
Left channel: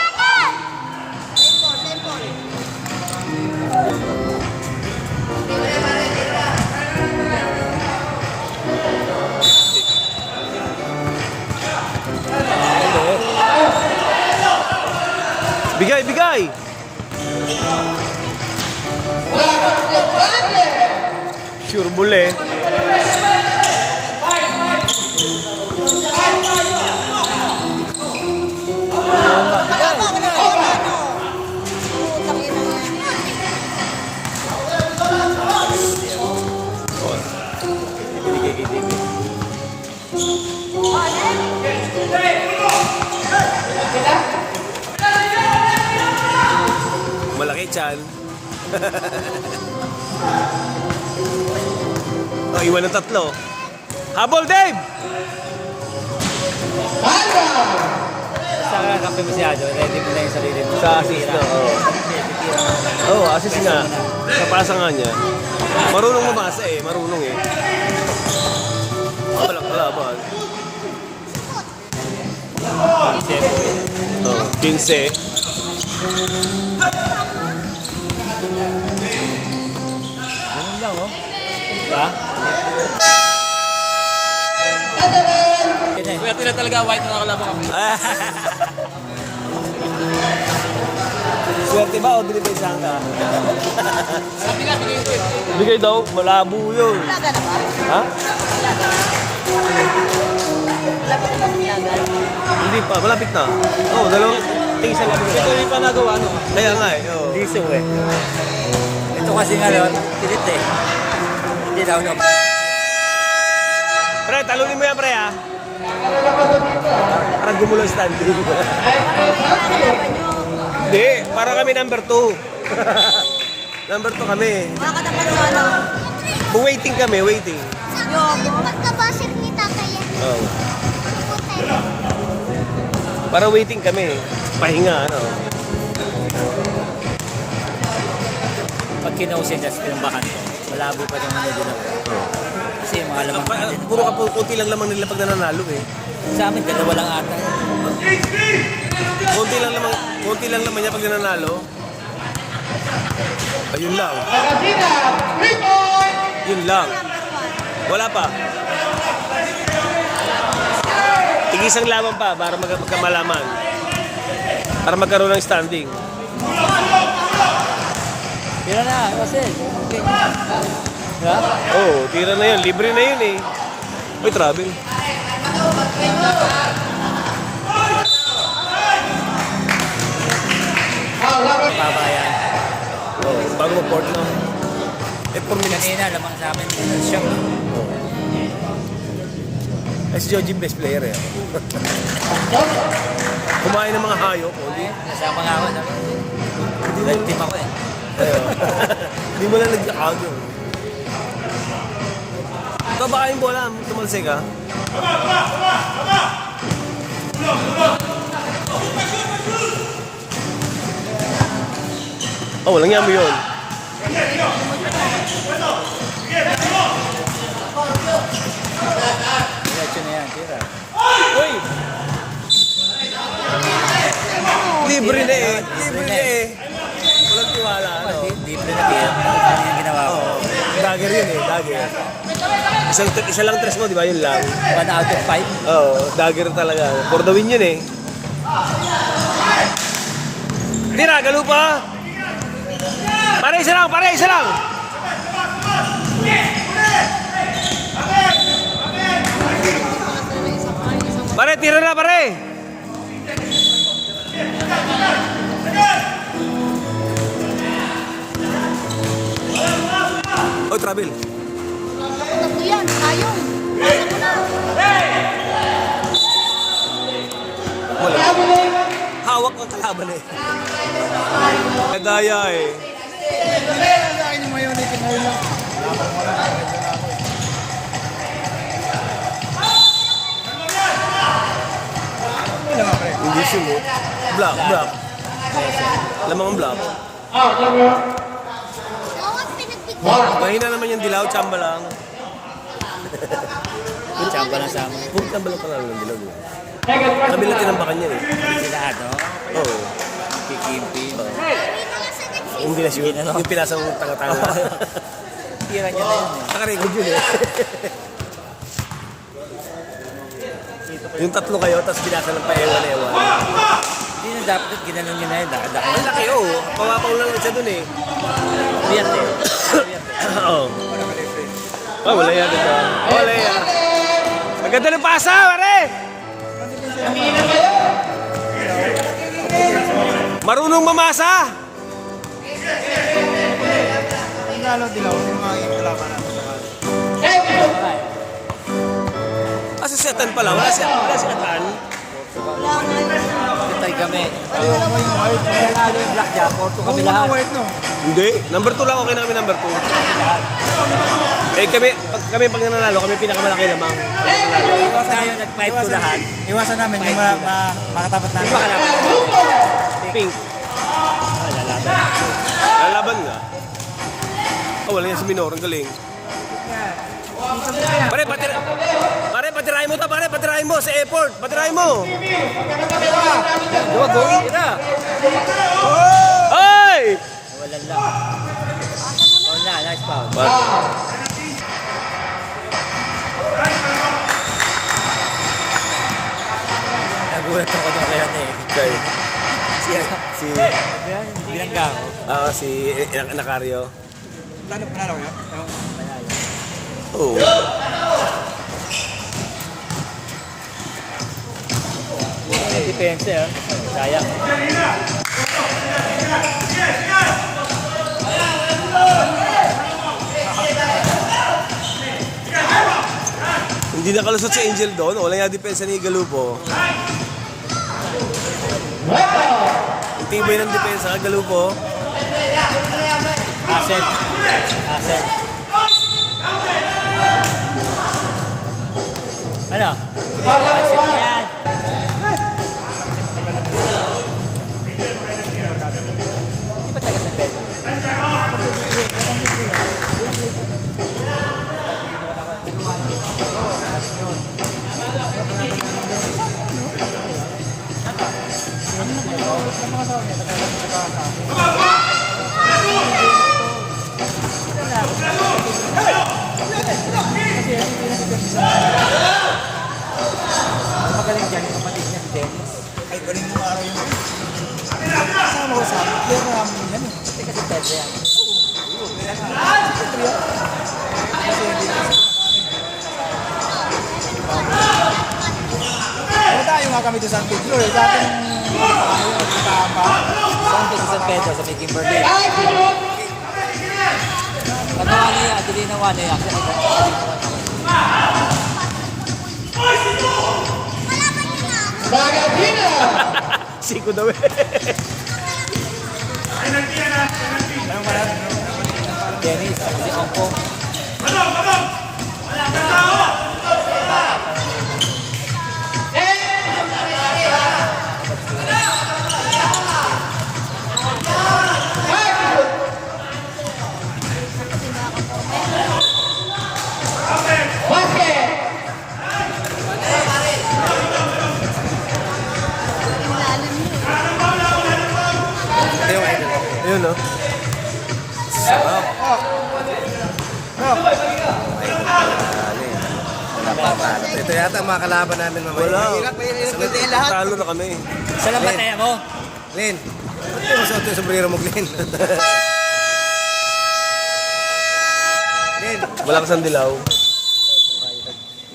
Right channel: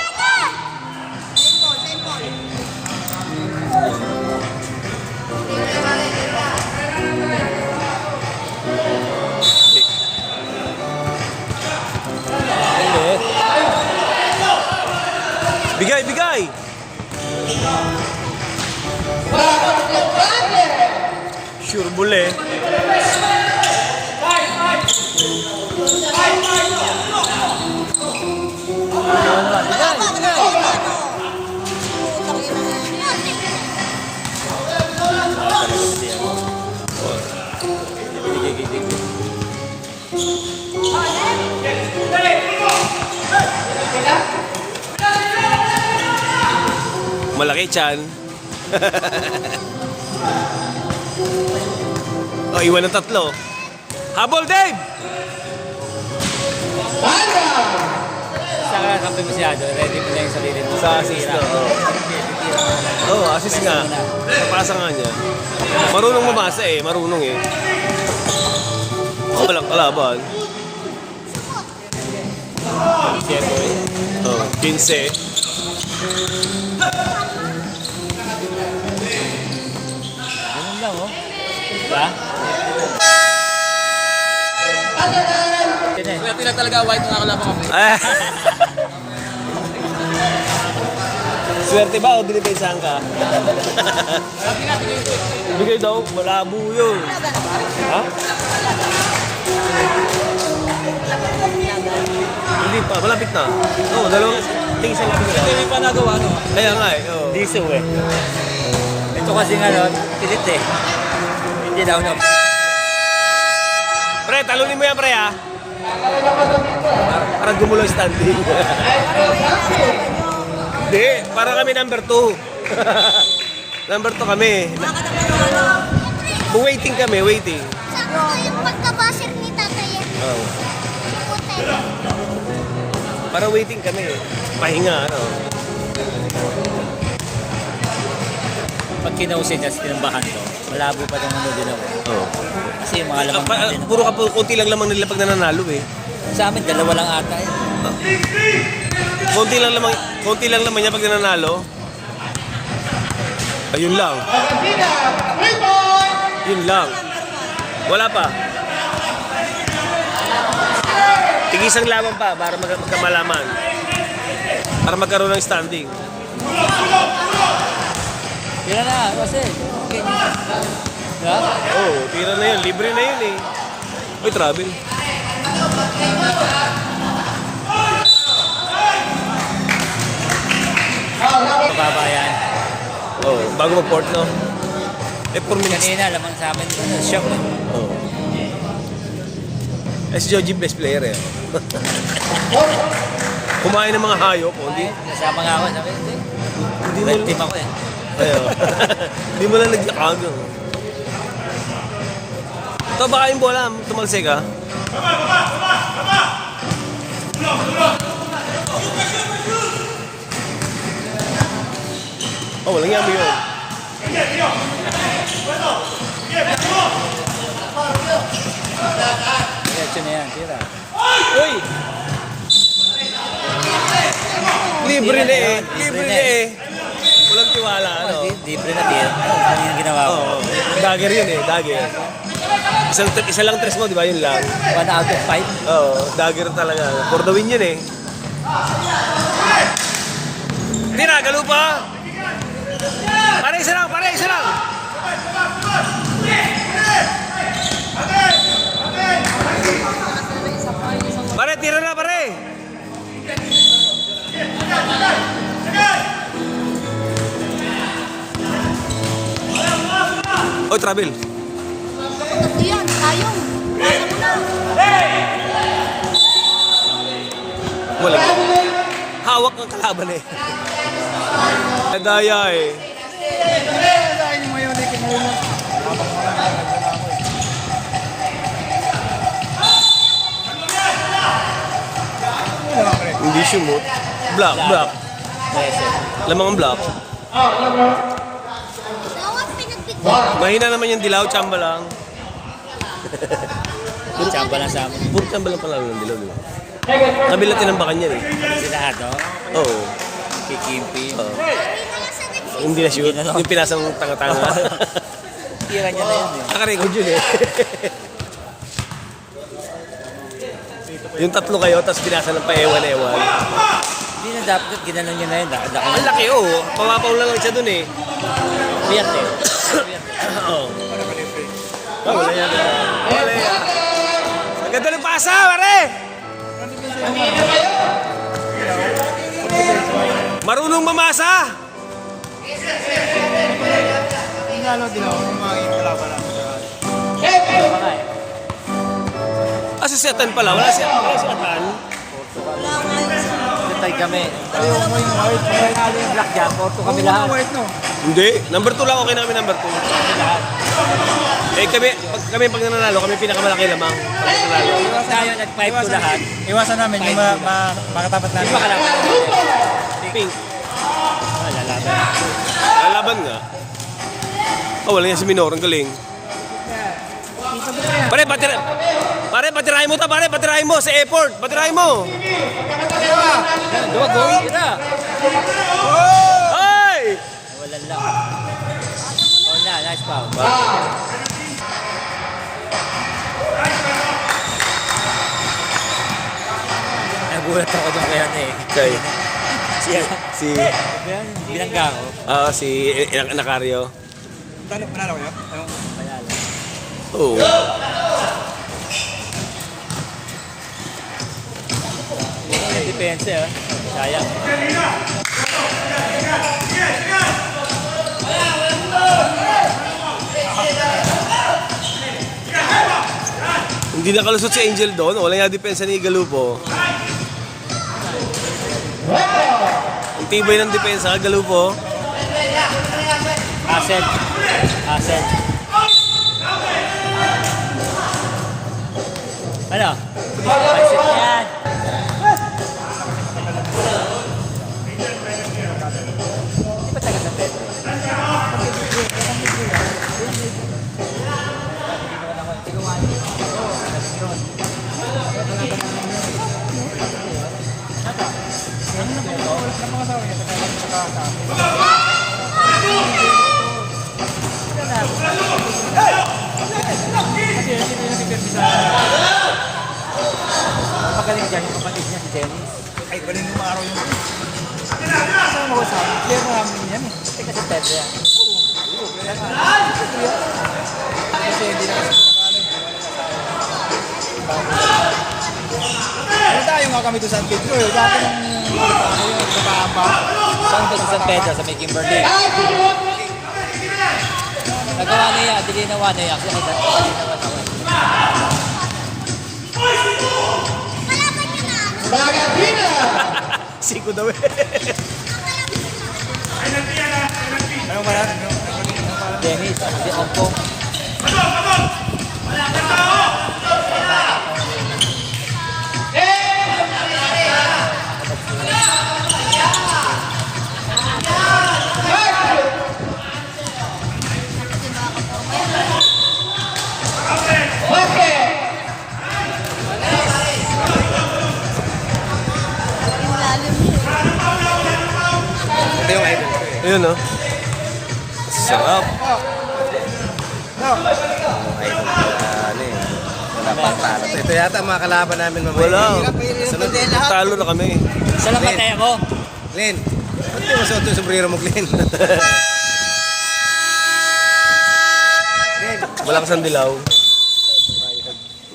Bigay, bigay! Sure bule. Malaki tiyan. Oh, iwan ng 3. Habol, Dave! Basta ka kampi mo si Ado. Ready mo na yung sarili mo. Sa assist na. Oo, assist na. Napasa nga niya. Marunong mamasa eh. Marunong eh. Walang kalaban. Oh, 15. Ganun lang, oh. Diba? Swerte na talaga, white na nakalaban kami. Ah. Swerte ba o binipensahan ka? Bigay daw, malabo yun. Ha? Hindi pa, malapit na. Oo, dalawang tingsa lang nila. Hindi pa nagawa, no? Kaya nga eh, oo. Hindi so, eh. Ito kasi nga, no? Tilit eh. Hindi daw na. Pre, talunin mo yan, pre, ha? Para gumulo yung standing. Hindi, para kami number 2. Number 2 kami. Makakatapan ng ano. Waiting kami, waiting. Pagkabasir ni tatay yan. Oo. Para waiting kami. Pahinga, ano. Pag kinusin niya, tinambakan ko. Malabo pa naman na din ako. Oo. Kasi yung mga lamang natin. Puro konti lang lamang nila pag nananalo eh. Sa amin, 2 lang ata yan. Konti lang naman niya pag nananalo. Ayun lang. Argentina. Yun lang. Wala pa. Tigisang lamang pa para magkamalaman. Para magkaroon ng standing. Tira na, kasi. Diba? Oo, tira na yun. Libre na yun eh. Uy, travel. Papayan. Oo, bago mag-port na. Eh, 4 minutes. Kanina, lamang sa amin. Shock. SJG best player eh. Kumain ng mga hayop. Hindi, Kasama nga ako. Sabi, hindi mo, red team ako eh. hindi mo lang nagyakag yun. Ito baka yung bola, tumalsik ha? Oh, walang yan mo yun. Isa lang tres mo, di ba? Yun lang. 1 out of 5. Oo, dagger talaga. For the win yun eh. Tira, galo pa. Pare, isa lang, pare, isa lang. Pare, tira na, pare. Oh, travel. Kapag ako yan, tayong. Tayong mo na. Wala. Hawak ang kalaban eh. Daya eh. Hindi siya mo. Black. Lamang ang black. Out number Oo, pinagpit. Mahina naman yung dilaw, tsamba lang. Tsamba lang sa amin. Puro tsamba lang pala ng dilaw. second person. Kabila tinambakan yan eh. Sila ato. Oo. Kikimpi. Hindi na shoot. Yung pinasang tanga-tanga. Tira niya na yun eh. Nakarecord yun eh. Yung tatlo kayo, tapos pinasa ng paewan-ewan. Hindi na dapat ginanong niya na yun. Ang laki oh. Pawapaw lang siya dun eh. Biyat eh. Oo. Oh, wala yan. Wala yan. Ang ganda ng pasa, pare! Marunong mamasa! Asisiyatan pala, wala siyatan. Wala nga yun sa... Tay kami. Ano na lang mga... Nanalo yung blackjack. Ito kami lahat. Hindi. Number 2 lang, okay na kami number 2. Eh pag nananalo, kami pinakamalaki lamang. Pag nananalo. Tayo nag-5 to lahat. Iwasan namin yung makatapat Hindi namin. ba kalaban natin? Pink. Lalaban. Lalaban nga. Oh, wala yan si Minor. Ang galing. Pare, patirahin mo ta, pare. Patirahin mo sa airport. Patirahin mo. Dua, going. Tira. Hoy! Wala lang. Foul na, nice foul. Nagulat ako doon kaya eh. Okay. Si Binangga ko. Si Nacario. Panalo ko yun? Oo. Depensa ah. Sayang. Hindi nakalusot si Angel doon. Wala nga depensa ni Galupo. Ang tibay ng depensa, Galupo. Asset. Asset. Ano? Asset yan. Magaling dyan yung kapatid niya si Dennis. Ay, galing mo araw yun. Saan mo ko sa amin? Clear mo kami yan eh. Kasi kasi Pedro yan. Kasi hindi na kasi ano tayo nga kami doon sa San Pedro eh. Dati nakaamba. Saan ko sa San Pedro sa may Kimberly? Nagawa na yan, dili na one yan. Kasi Magatina. Siko daw eh. Dennis, si Ompong. Kasi mga kaporma yan. Basket. Yung lalim niya eh. Ayun no. Sarap. Ito yata ang mga kalaban namin ng Wala. Hirap bantayan lahat. Talo na kami. Saan ang bataya mo? Glenn, ba't yung sa ito yung sombrero mo, Glenn? Malakas ang dilaw.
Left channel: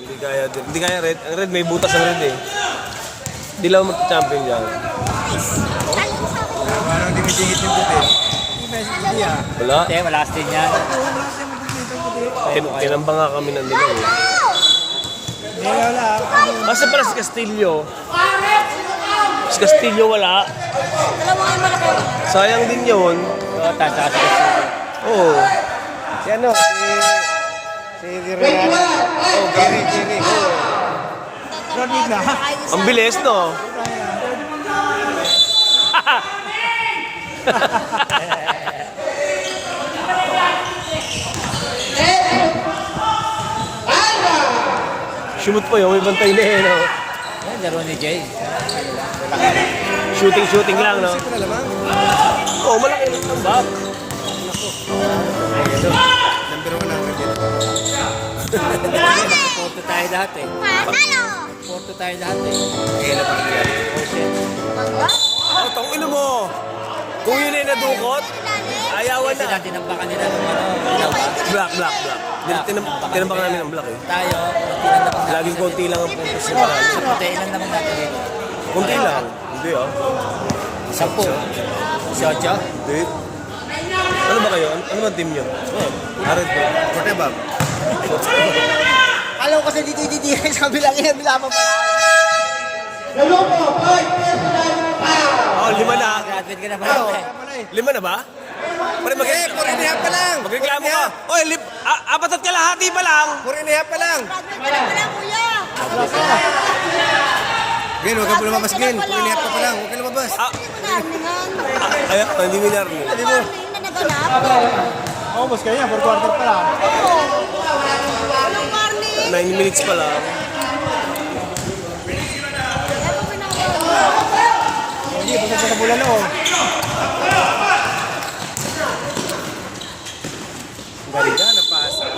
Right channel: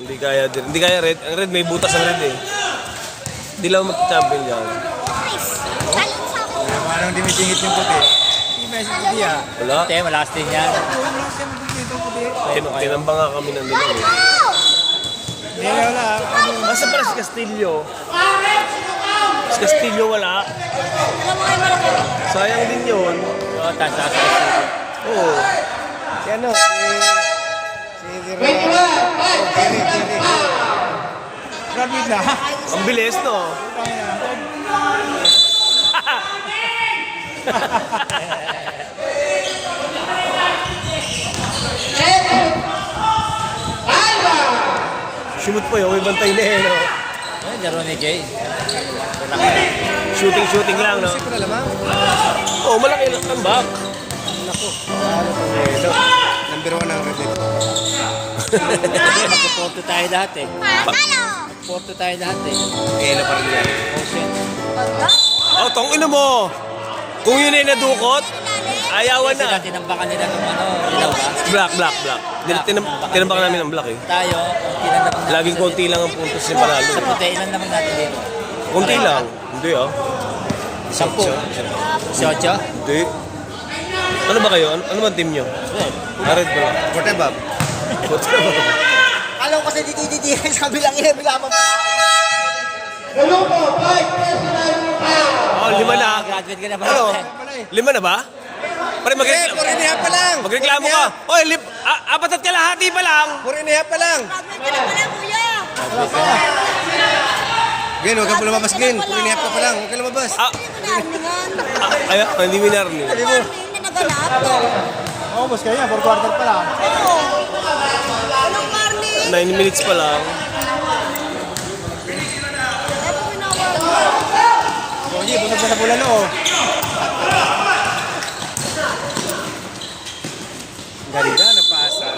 Hindi kaya din. Hindi kaya red. Ang red may butas ang red eh. Dilaw mag-champion yan. Hindi mo tumutumpok eh. Wala. Hindi, malakas din yan. Tinambang nga kami ng dilaw eh. Wala. Nasa pala si Castillo? Si Castillo wala. Alam mo kayo malaki. Sayang din yun. Wala, taas ako. Oo. Si ano, si Jerry. Grabe na. Ang bilis no? Shoot pa yun, may bantay na eh, no? Yan, laro ni Jay. Shooting lang, no? Ito na lamang. Oo, malaki lang tambak. Number 1 ang red. Porto tayo lahat eh. Panalo! Porto tayo lahat eh. Kaya pa rin yan. Oh shit. Pagka? Oh, tong ino mo! Kung yun ay nadukot, ayawan Kasi na. lang tinambakan nila ng ano. Black. Tinambak namin ng black eh. Tayo, tinambakan natin. Laging konti lang ang puntos niya panalo. Sa puti, ilan naman natin dito? Konti lang. Hindi ah. 10. 18? Hindi. Ano ba kayo? Ano ba team nyo? Red ba? Forte bag. Alam ko kasi dito sabi lang bila pa pala. Oh, 5 na. Graduate ka na pala. Ano? 5 na ba? Pare Puro pa lang. magreklamo ka. Oy, 4 at kalahati pa lang. Puro pa lang. Wala kuya. Glenn, huwag ka lumabas, Glenn. Puro ka pa lang. Huwag ka lumabas. Ay, hindi winar niyo. Ano ba? Na naganap. Oo, mas kaya. 4 quarter pa lang. Anong karni? 9 minutes pa lang. Hindi, pagod sa kabila no. Ganda, napasa.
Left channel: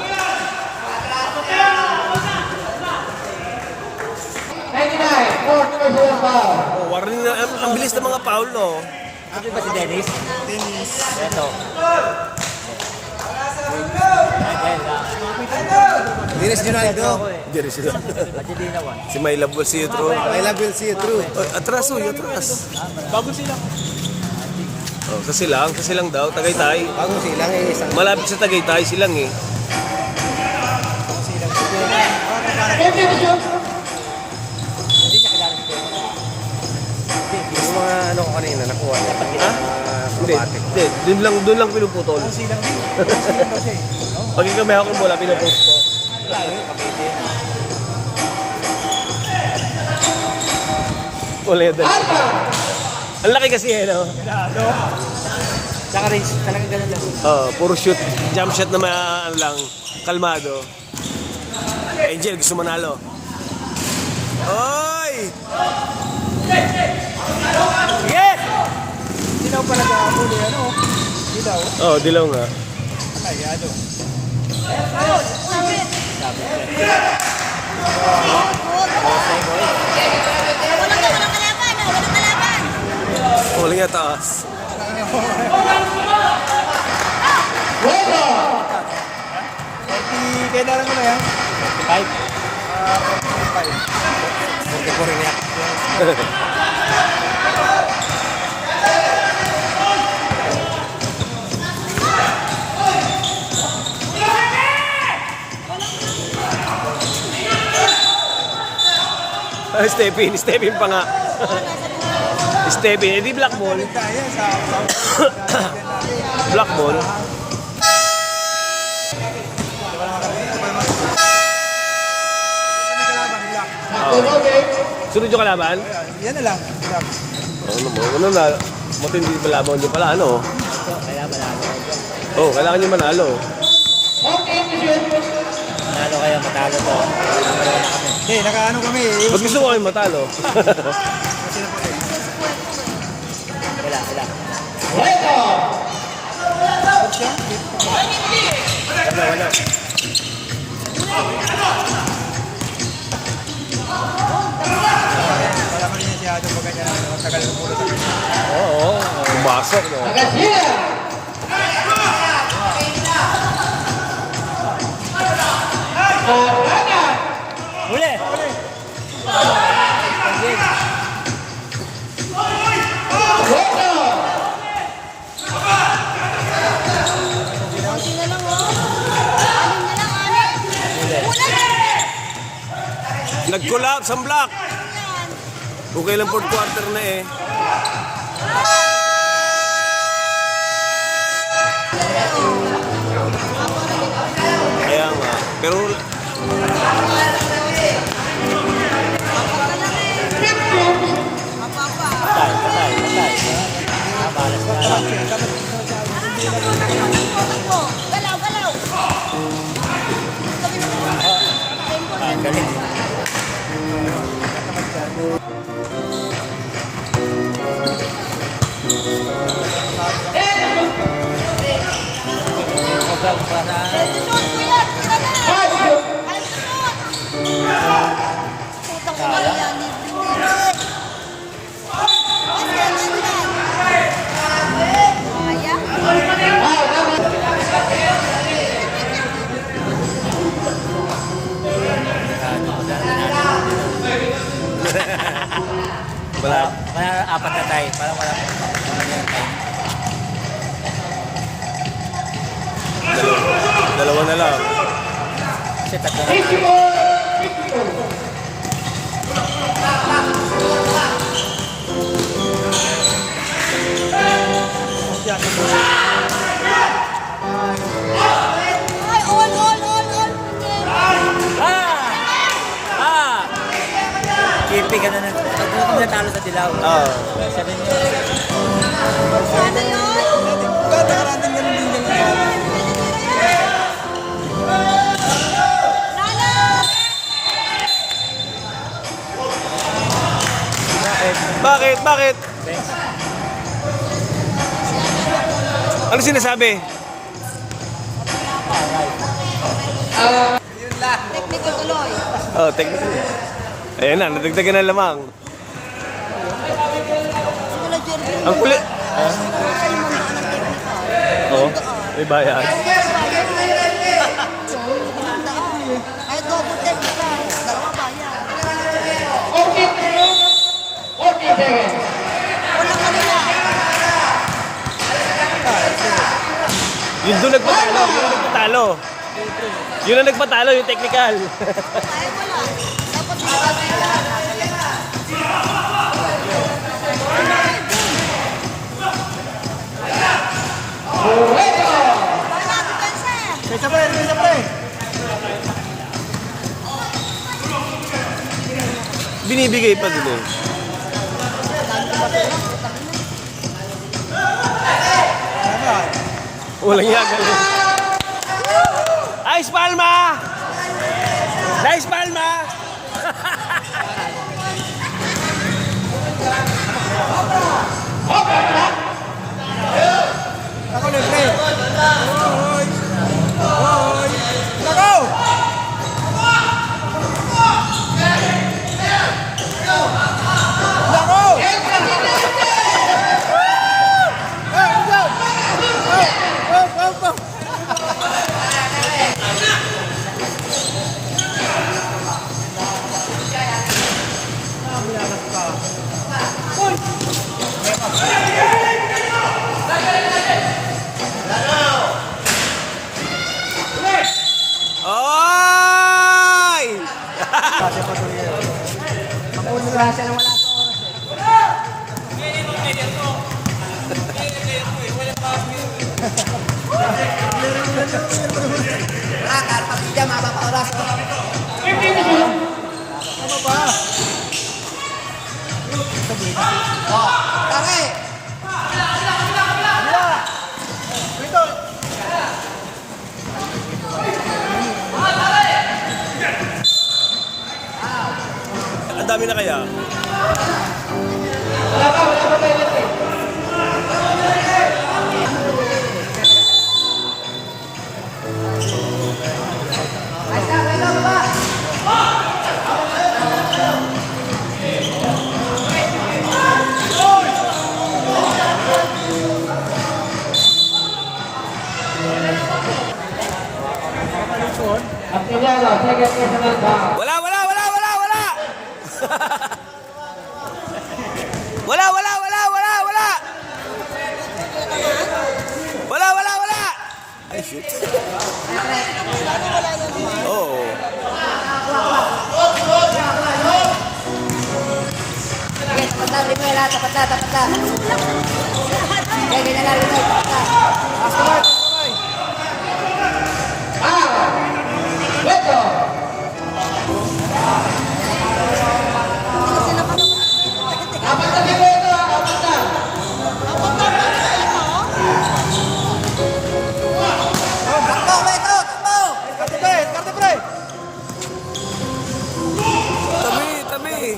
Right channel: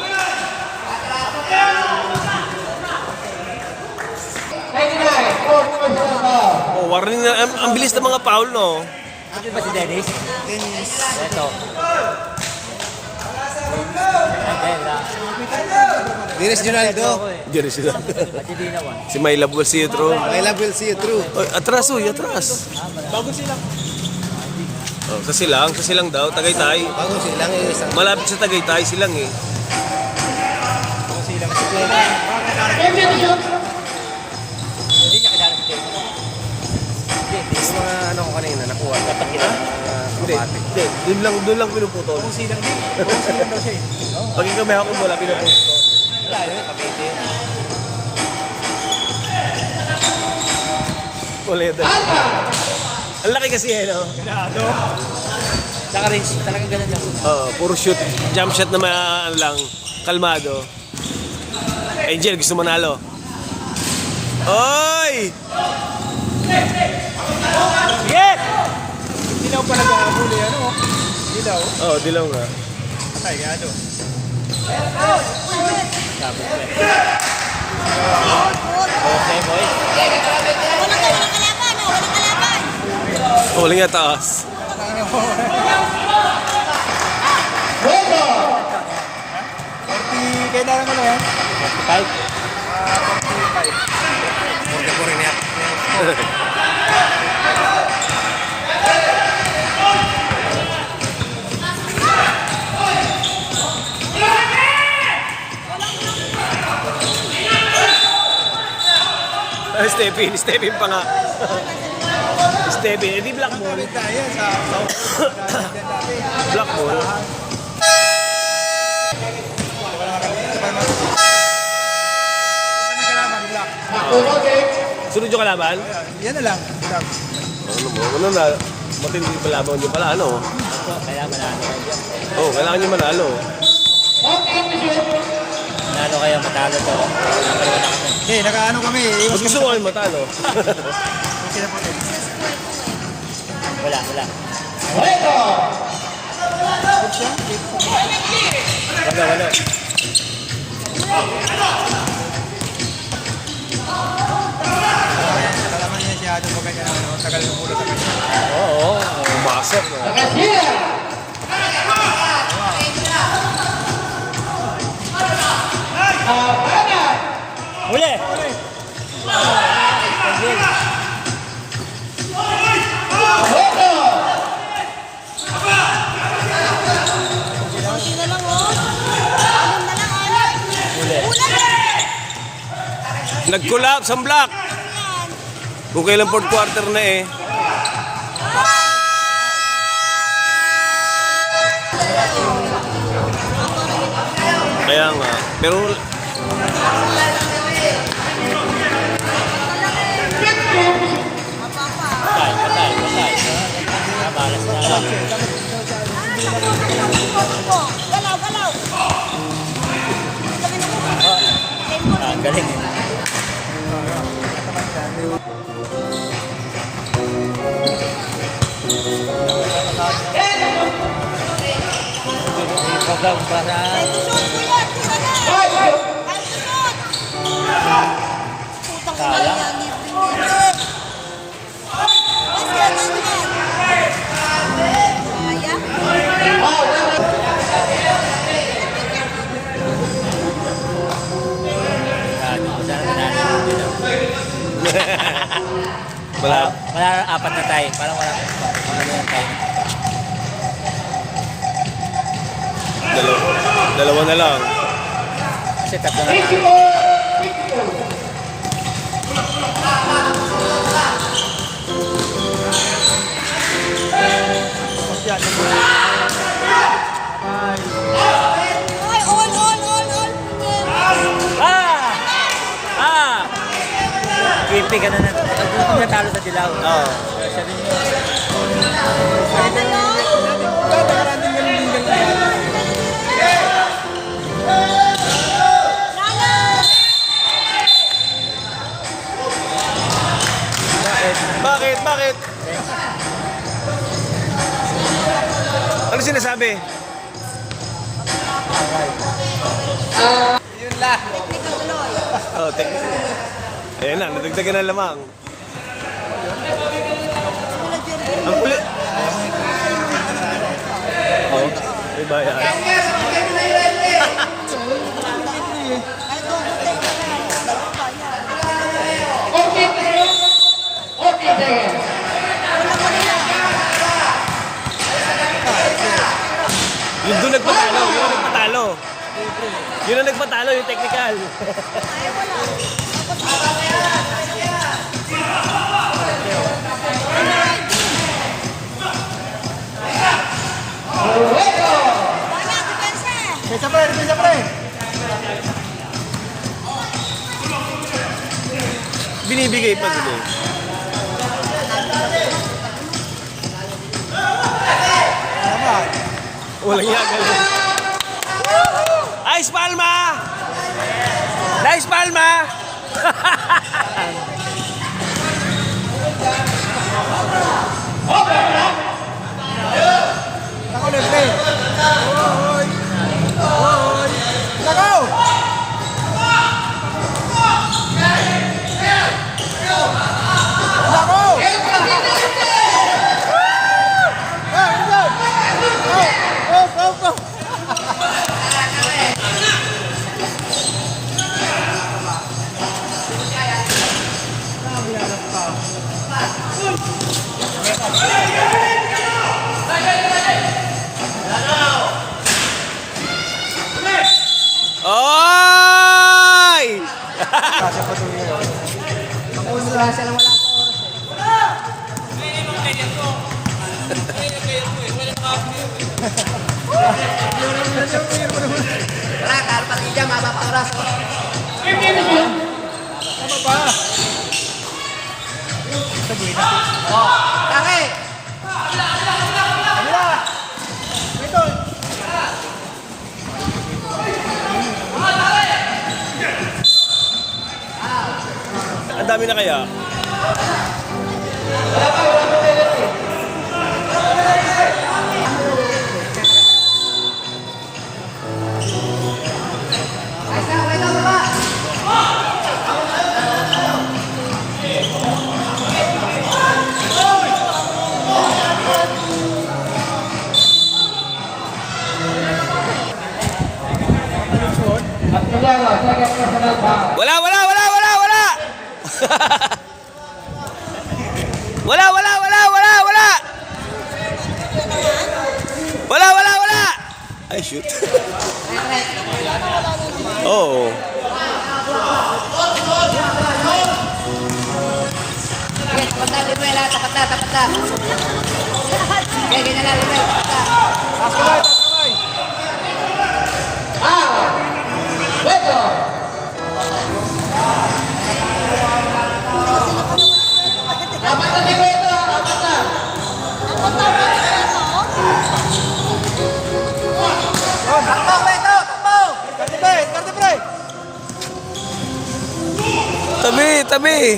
Oh, warning na. Ang bilis ng mga foul, no? Ano ba si Dennis? Ito. Dennis Jonaldo. Diyan sila. At hindi naman. Si My Love will see you through. I love you, see you through. Oy, atras, atras. Bago sila. Oh, sa silang daw, Tagaytay. Bago silang isang... Malapit sa Tagaytay silang eh. Hindi niya kilala si Dennis. Yung mga ano ko kanina, nakuha. Dapat kita. Hindi, doon lang pinuputol. Silang daw siya eh. Paging kami ako mula pinuputol. Wala yun, Cavite. Wala yan. Ang laki kasi eh, no? Ganado. Saka race, talagang ganun lang. Puro shoot, jump shot na ano lang, kalmado. Angel, gusto manalo. Oy! Yes! Dilaw pala ba ang ulo ano? Dilaw. Oh, dilaw nga. Atay, ano? Sabi ko. Huli nga taas. Kaya na lang ano yan? 44 rin yan. Oh, Stephen pa nga. Stephen, edi black ball. Kaya sa Black ball. Sunod yung kalaban? yan na lang. Ano na, matindi yung kalaban nyo pala, ano? Ito, kaya manalo kayo dyan. Oh, kailangan nyo manalo. Manalo kayo, matalo to. Napalawa na kami. Okay, nakaano kami. Ba't gusto mo kami matalo? Wala. mo ganyan ano, tagal ng ulo sa kanya. Oo, pumasok. No? Huli! Konti na lang, oh. Nag-collapse ang block. Kung kailan fourth quarter na eh. Kaya nga. Pero Patay. Nabalas na lang. Galaw! Ang galing eh. Putang ina yan, libre. Kaya? wala. Wala, apat na tayo. Parang Dalawa na lang. kasi tatlo. Ay, all. Kipi ka na natin. Ito na natalo sa dilaw. Oo. Siya rin yun. Nakarating ganun din ganun. Bakit? Ano sinasabi? Technical tuloy. Oh, technical. Ayan na, nadagdagan na lamang. Wala, Jerry. Ang kulit. Oh, may bayan. Ay, double take. Dalawa pa yan. Yun doon nagpatalo. Yun ang nagpatalo, yung technical. Bala, depensa. Isa pre. Binibigay pa dito. Tama. Walang yagaw. Ice Palma! Ice Palma! Nakulog pre. Hoy! Nako! Nako! Oy! Makuha siya nang wala sa oras eh. Ang dami na kaya? Wala, wala, wala, wala, wala! Wala, wala, wala, wala, wala! Wala, wala, wala! Ay, shoot. Wala na naman. Oo. Tabi, tabi.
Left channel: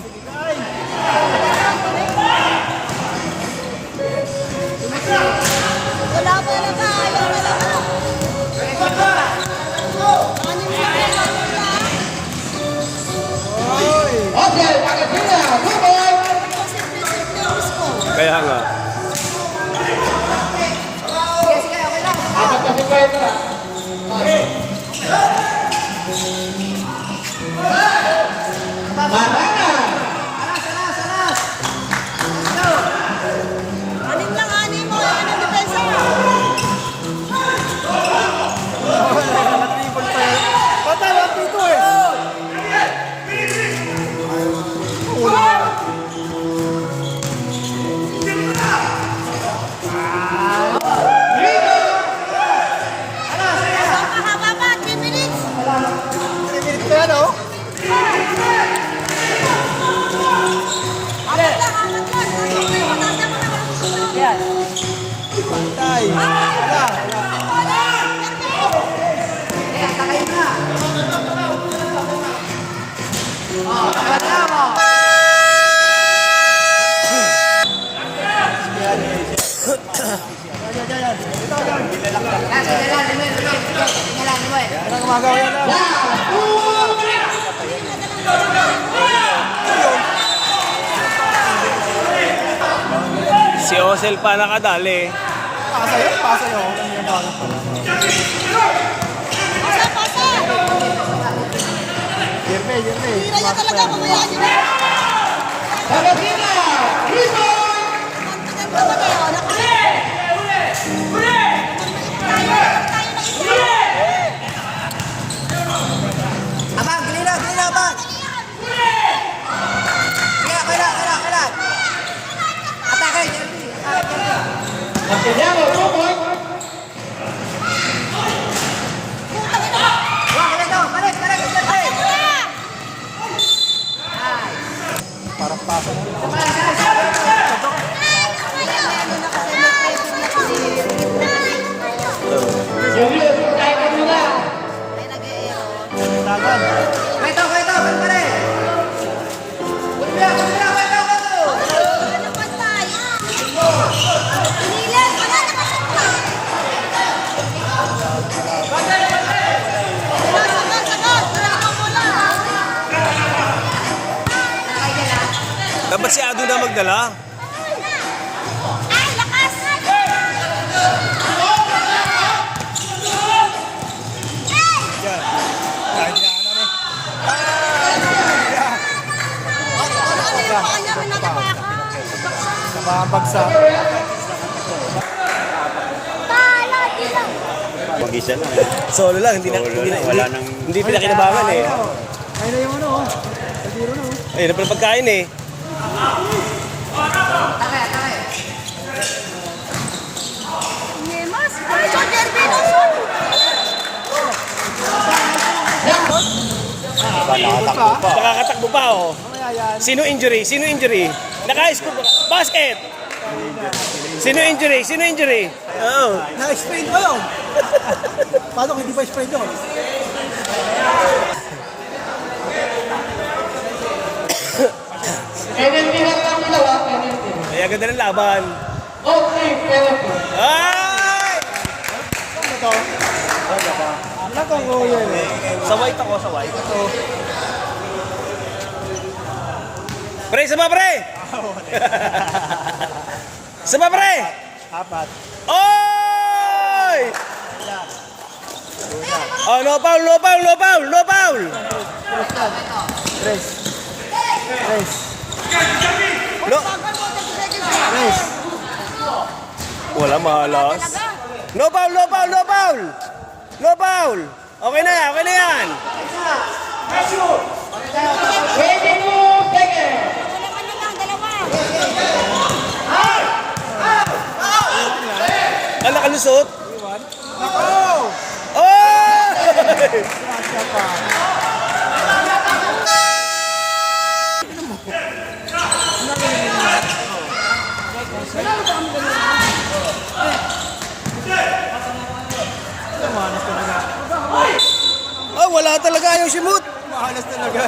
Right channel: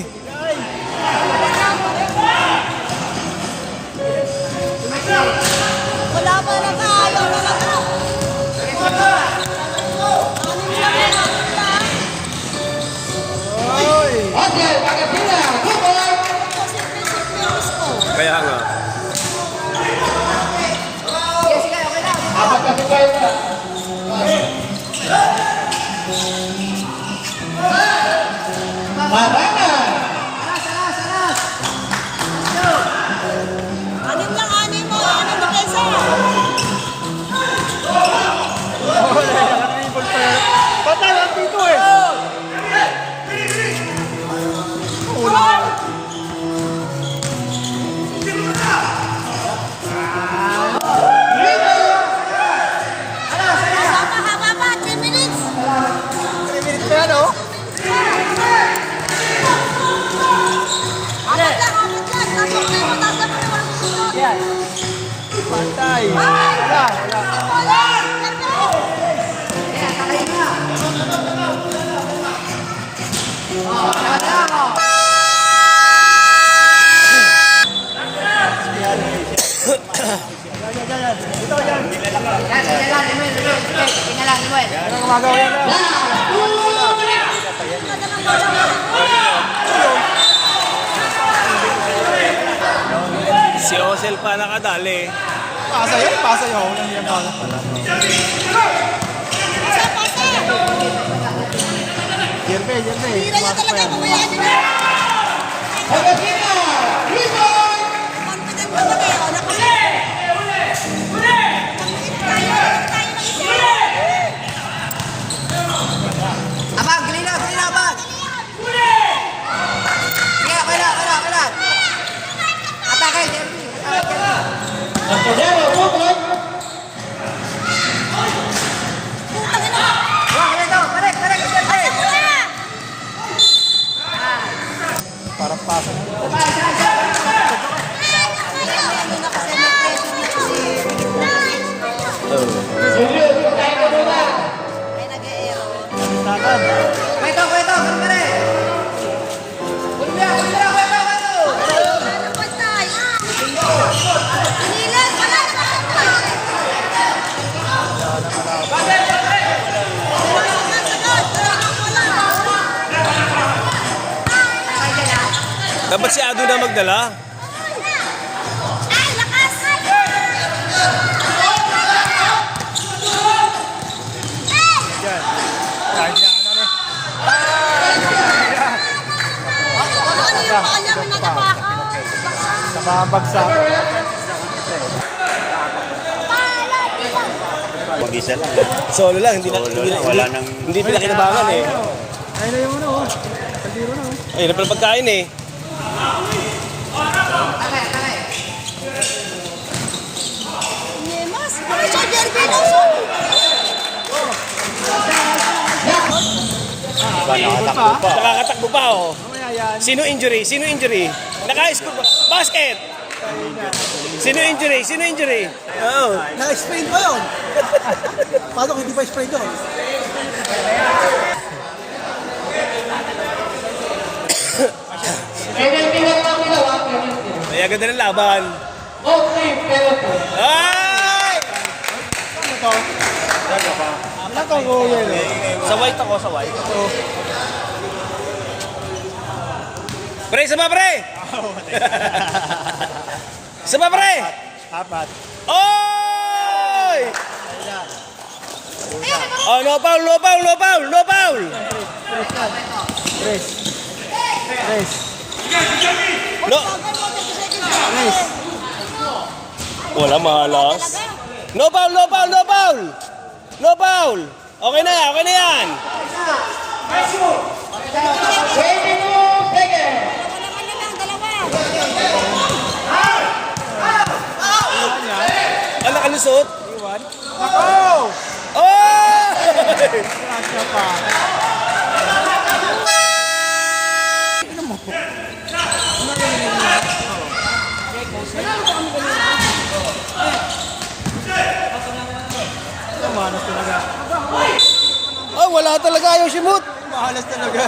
Wala pa lang ayaw na lang ako. Okay, pagkakita. Super. Kaya nga. Apat na super. Anim lang, anim mo. Anim na peso. Patala dito eh. Haba pa, 3 minutes. Ito ano? Pantay. Wala, wala. Si Osel pa nakadali. Pasa yun. Jerme. Tira niya talaga, mamayaan niyo na. Pagkakita. Confident ka ba kayo? Abang, gili na, abang. Kaya. Atake. Apoyado, super. Parang pasa na. Ano na kasi, may pressure na kasi. Julius, tayo ka muna. Ay, nag-aero. Dalan. Ano pantay? Pinilit, wala na Dapat si Ado na magdala. Ay, lakas! Yan. Kahit niya ano ni. Sa mga bagsak. Mag-isa lang. Solo lang, hindi Solo lang, wala nang... Hindi pinakinabangan eh. Ayun na yung ano oh. Kaldiro na oh. Ayun na pala pagkain eh. Yemas, Richard Derby na. Nakakatakbo pa oh. Sino injury? Sino injury? Naka-score ba? Basket! Sino injury? Sino injury? Oo. Na-sprain pa yun. Paano kung hindi pa sprain yun? Kaya ganda ng laban. Ay! Ano to? Ilan ka ko yan eh? Sa white ako, sa white. Pre, sama pre! Sama pre! Apat. Oy! Oh, no foul, no foul, no foul, no foul. Tres. Tres. No. Tres. Wala, malas. No foul, no foul, no foul. No foul. Okay na yan. 22 seconds. Ano nakalusot? Nako! Oh! Oh, wala talaga yung simut. Halos talaga.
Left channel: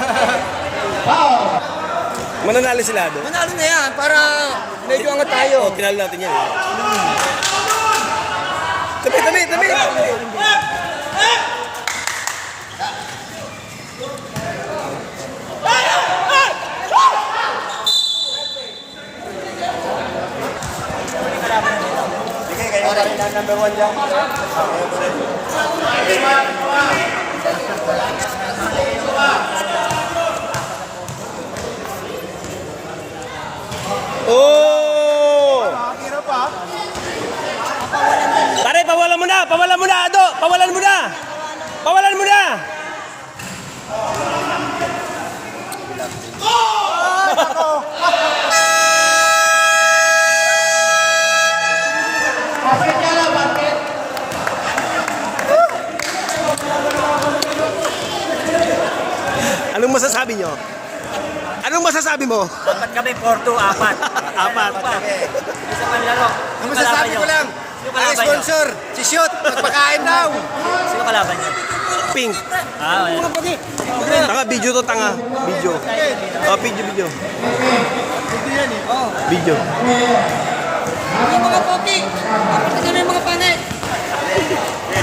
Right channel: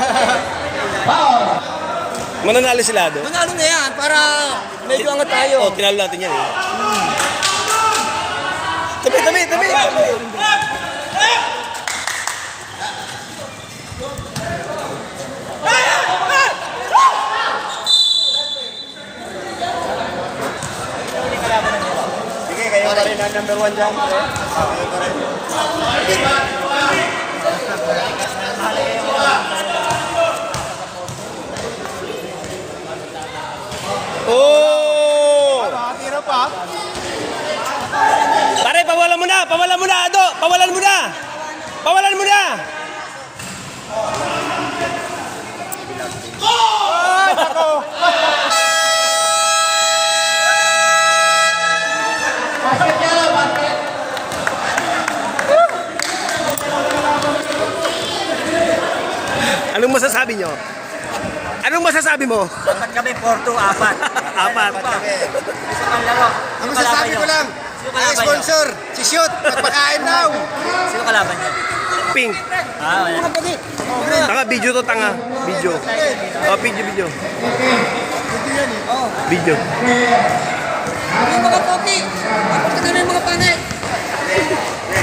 Mananalo sila doon. Manalo na yan para medyo angat tayo. Oh, tinalo natin yan eh. Tabi. Oh! Nakakira pa. Pare, pawalan mo na, Ado! Pawalan mo na! Basket niya lang, basket. Anong masasabi nyo? Anong masasabi mo? Apat kami, 4-2, apat. Apat. Isa pang laro. Ang masasabi ko lang, ang sponsor, si Shoot, nagpakain daw. Sino kalaban niyo? Pink. Ah, ayan. Tanga, video to, tanga. Video. Oh, video. Hindi yan eh. Oh. Video. Mga pogi.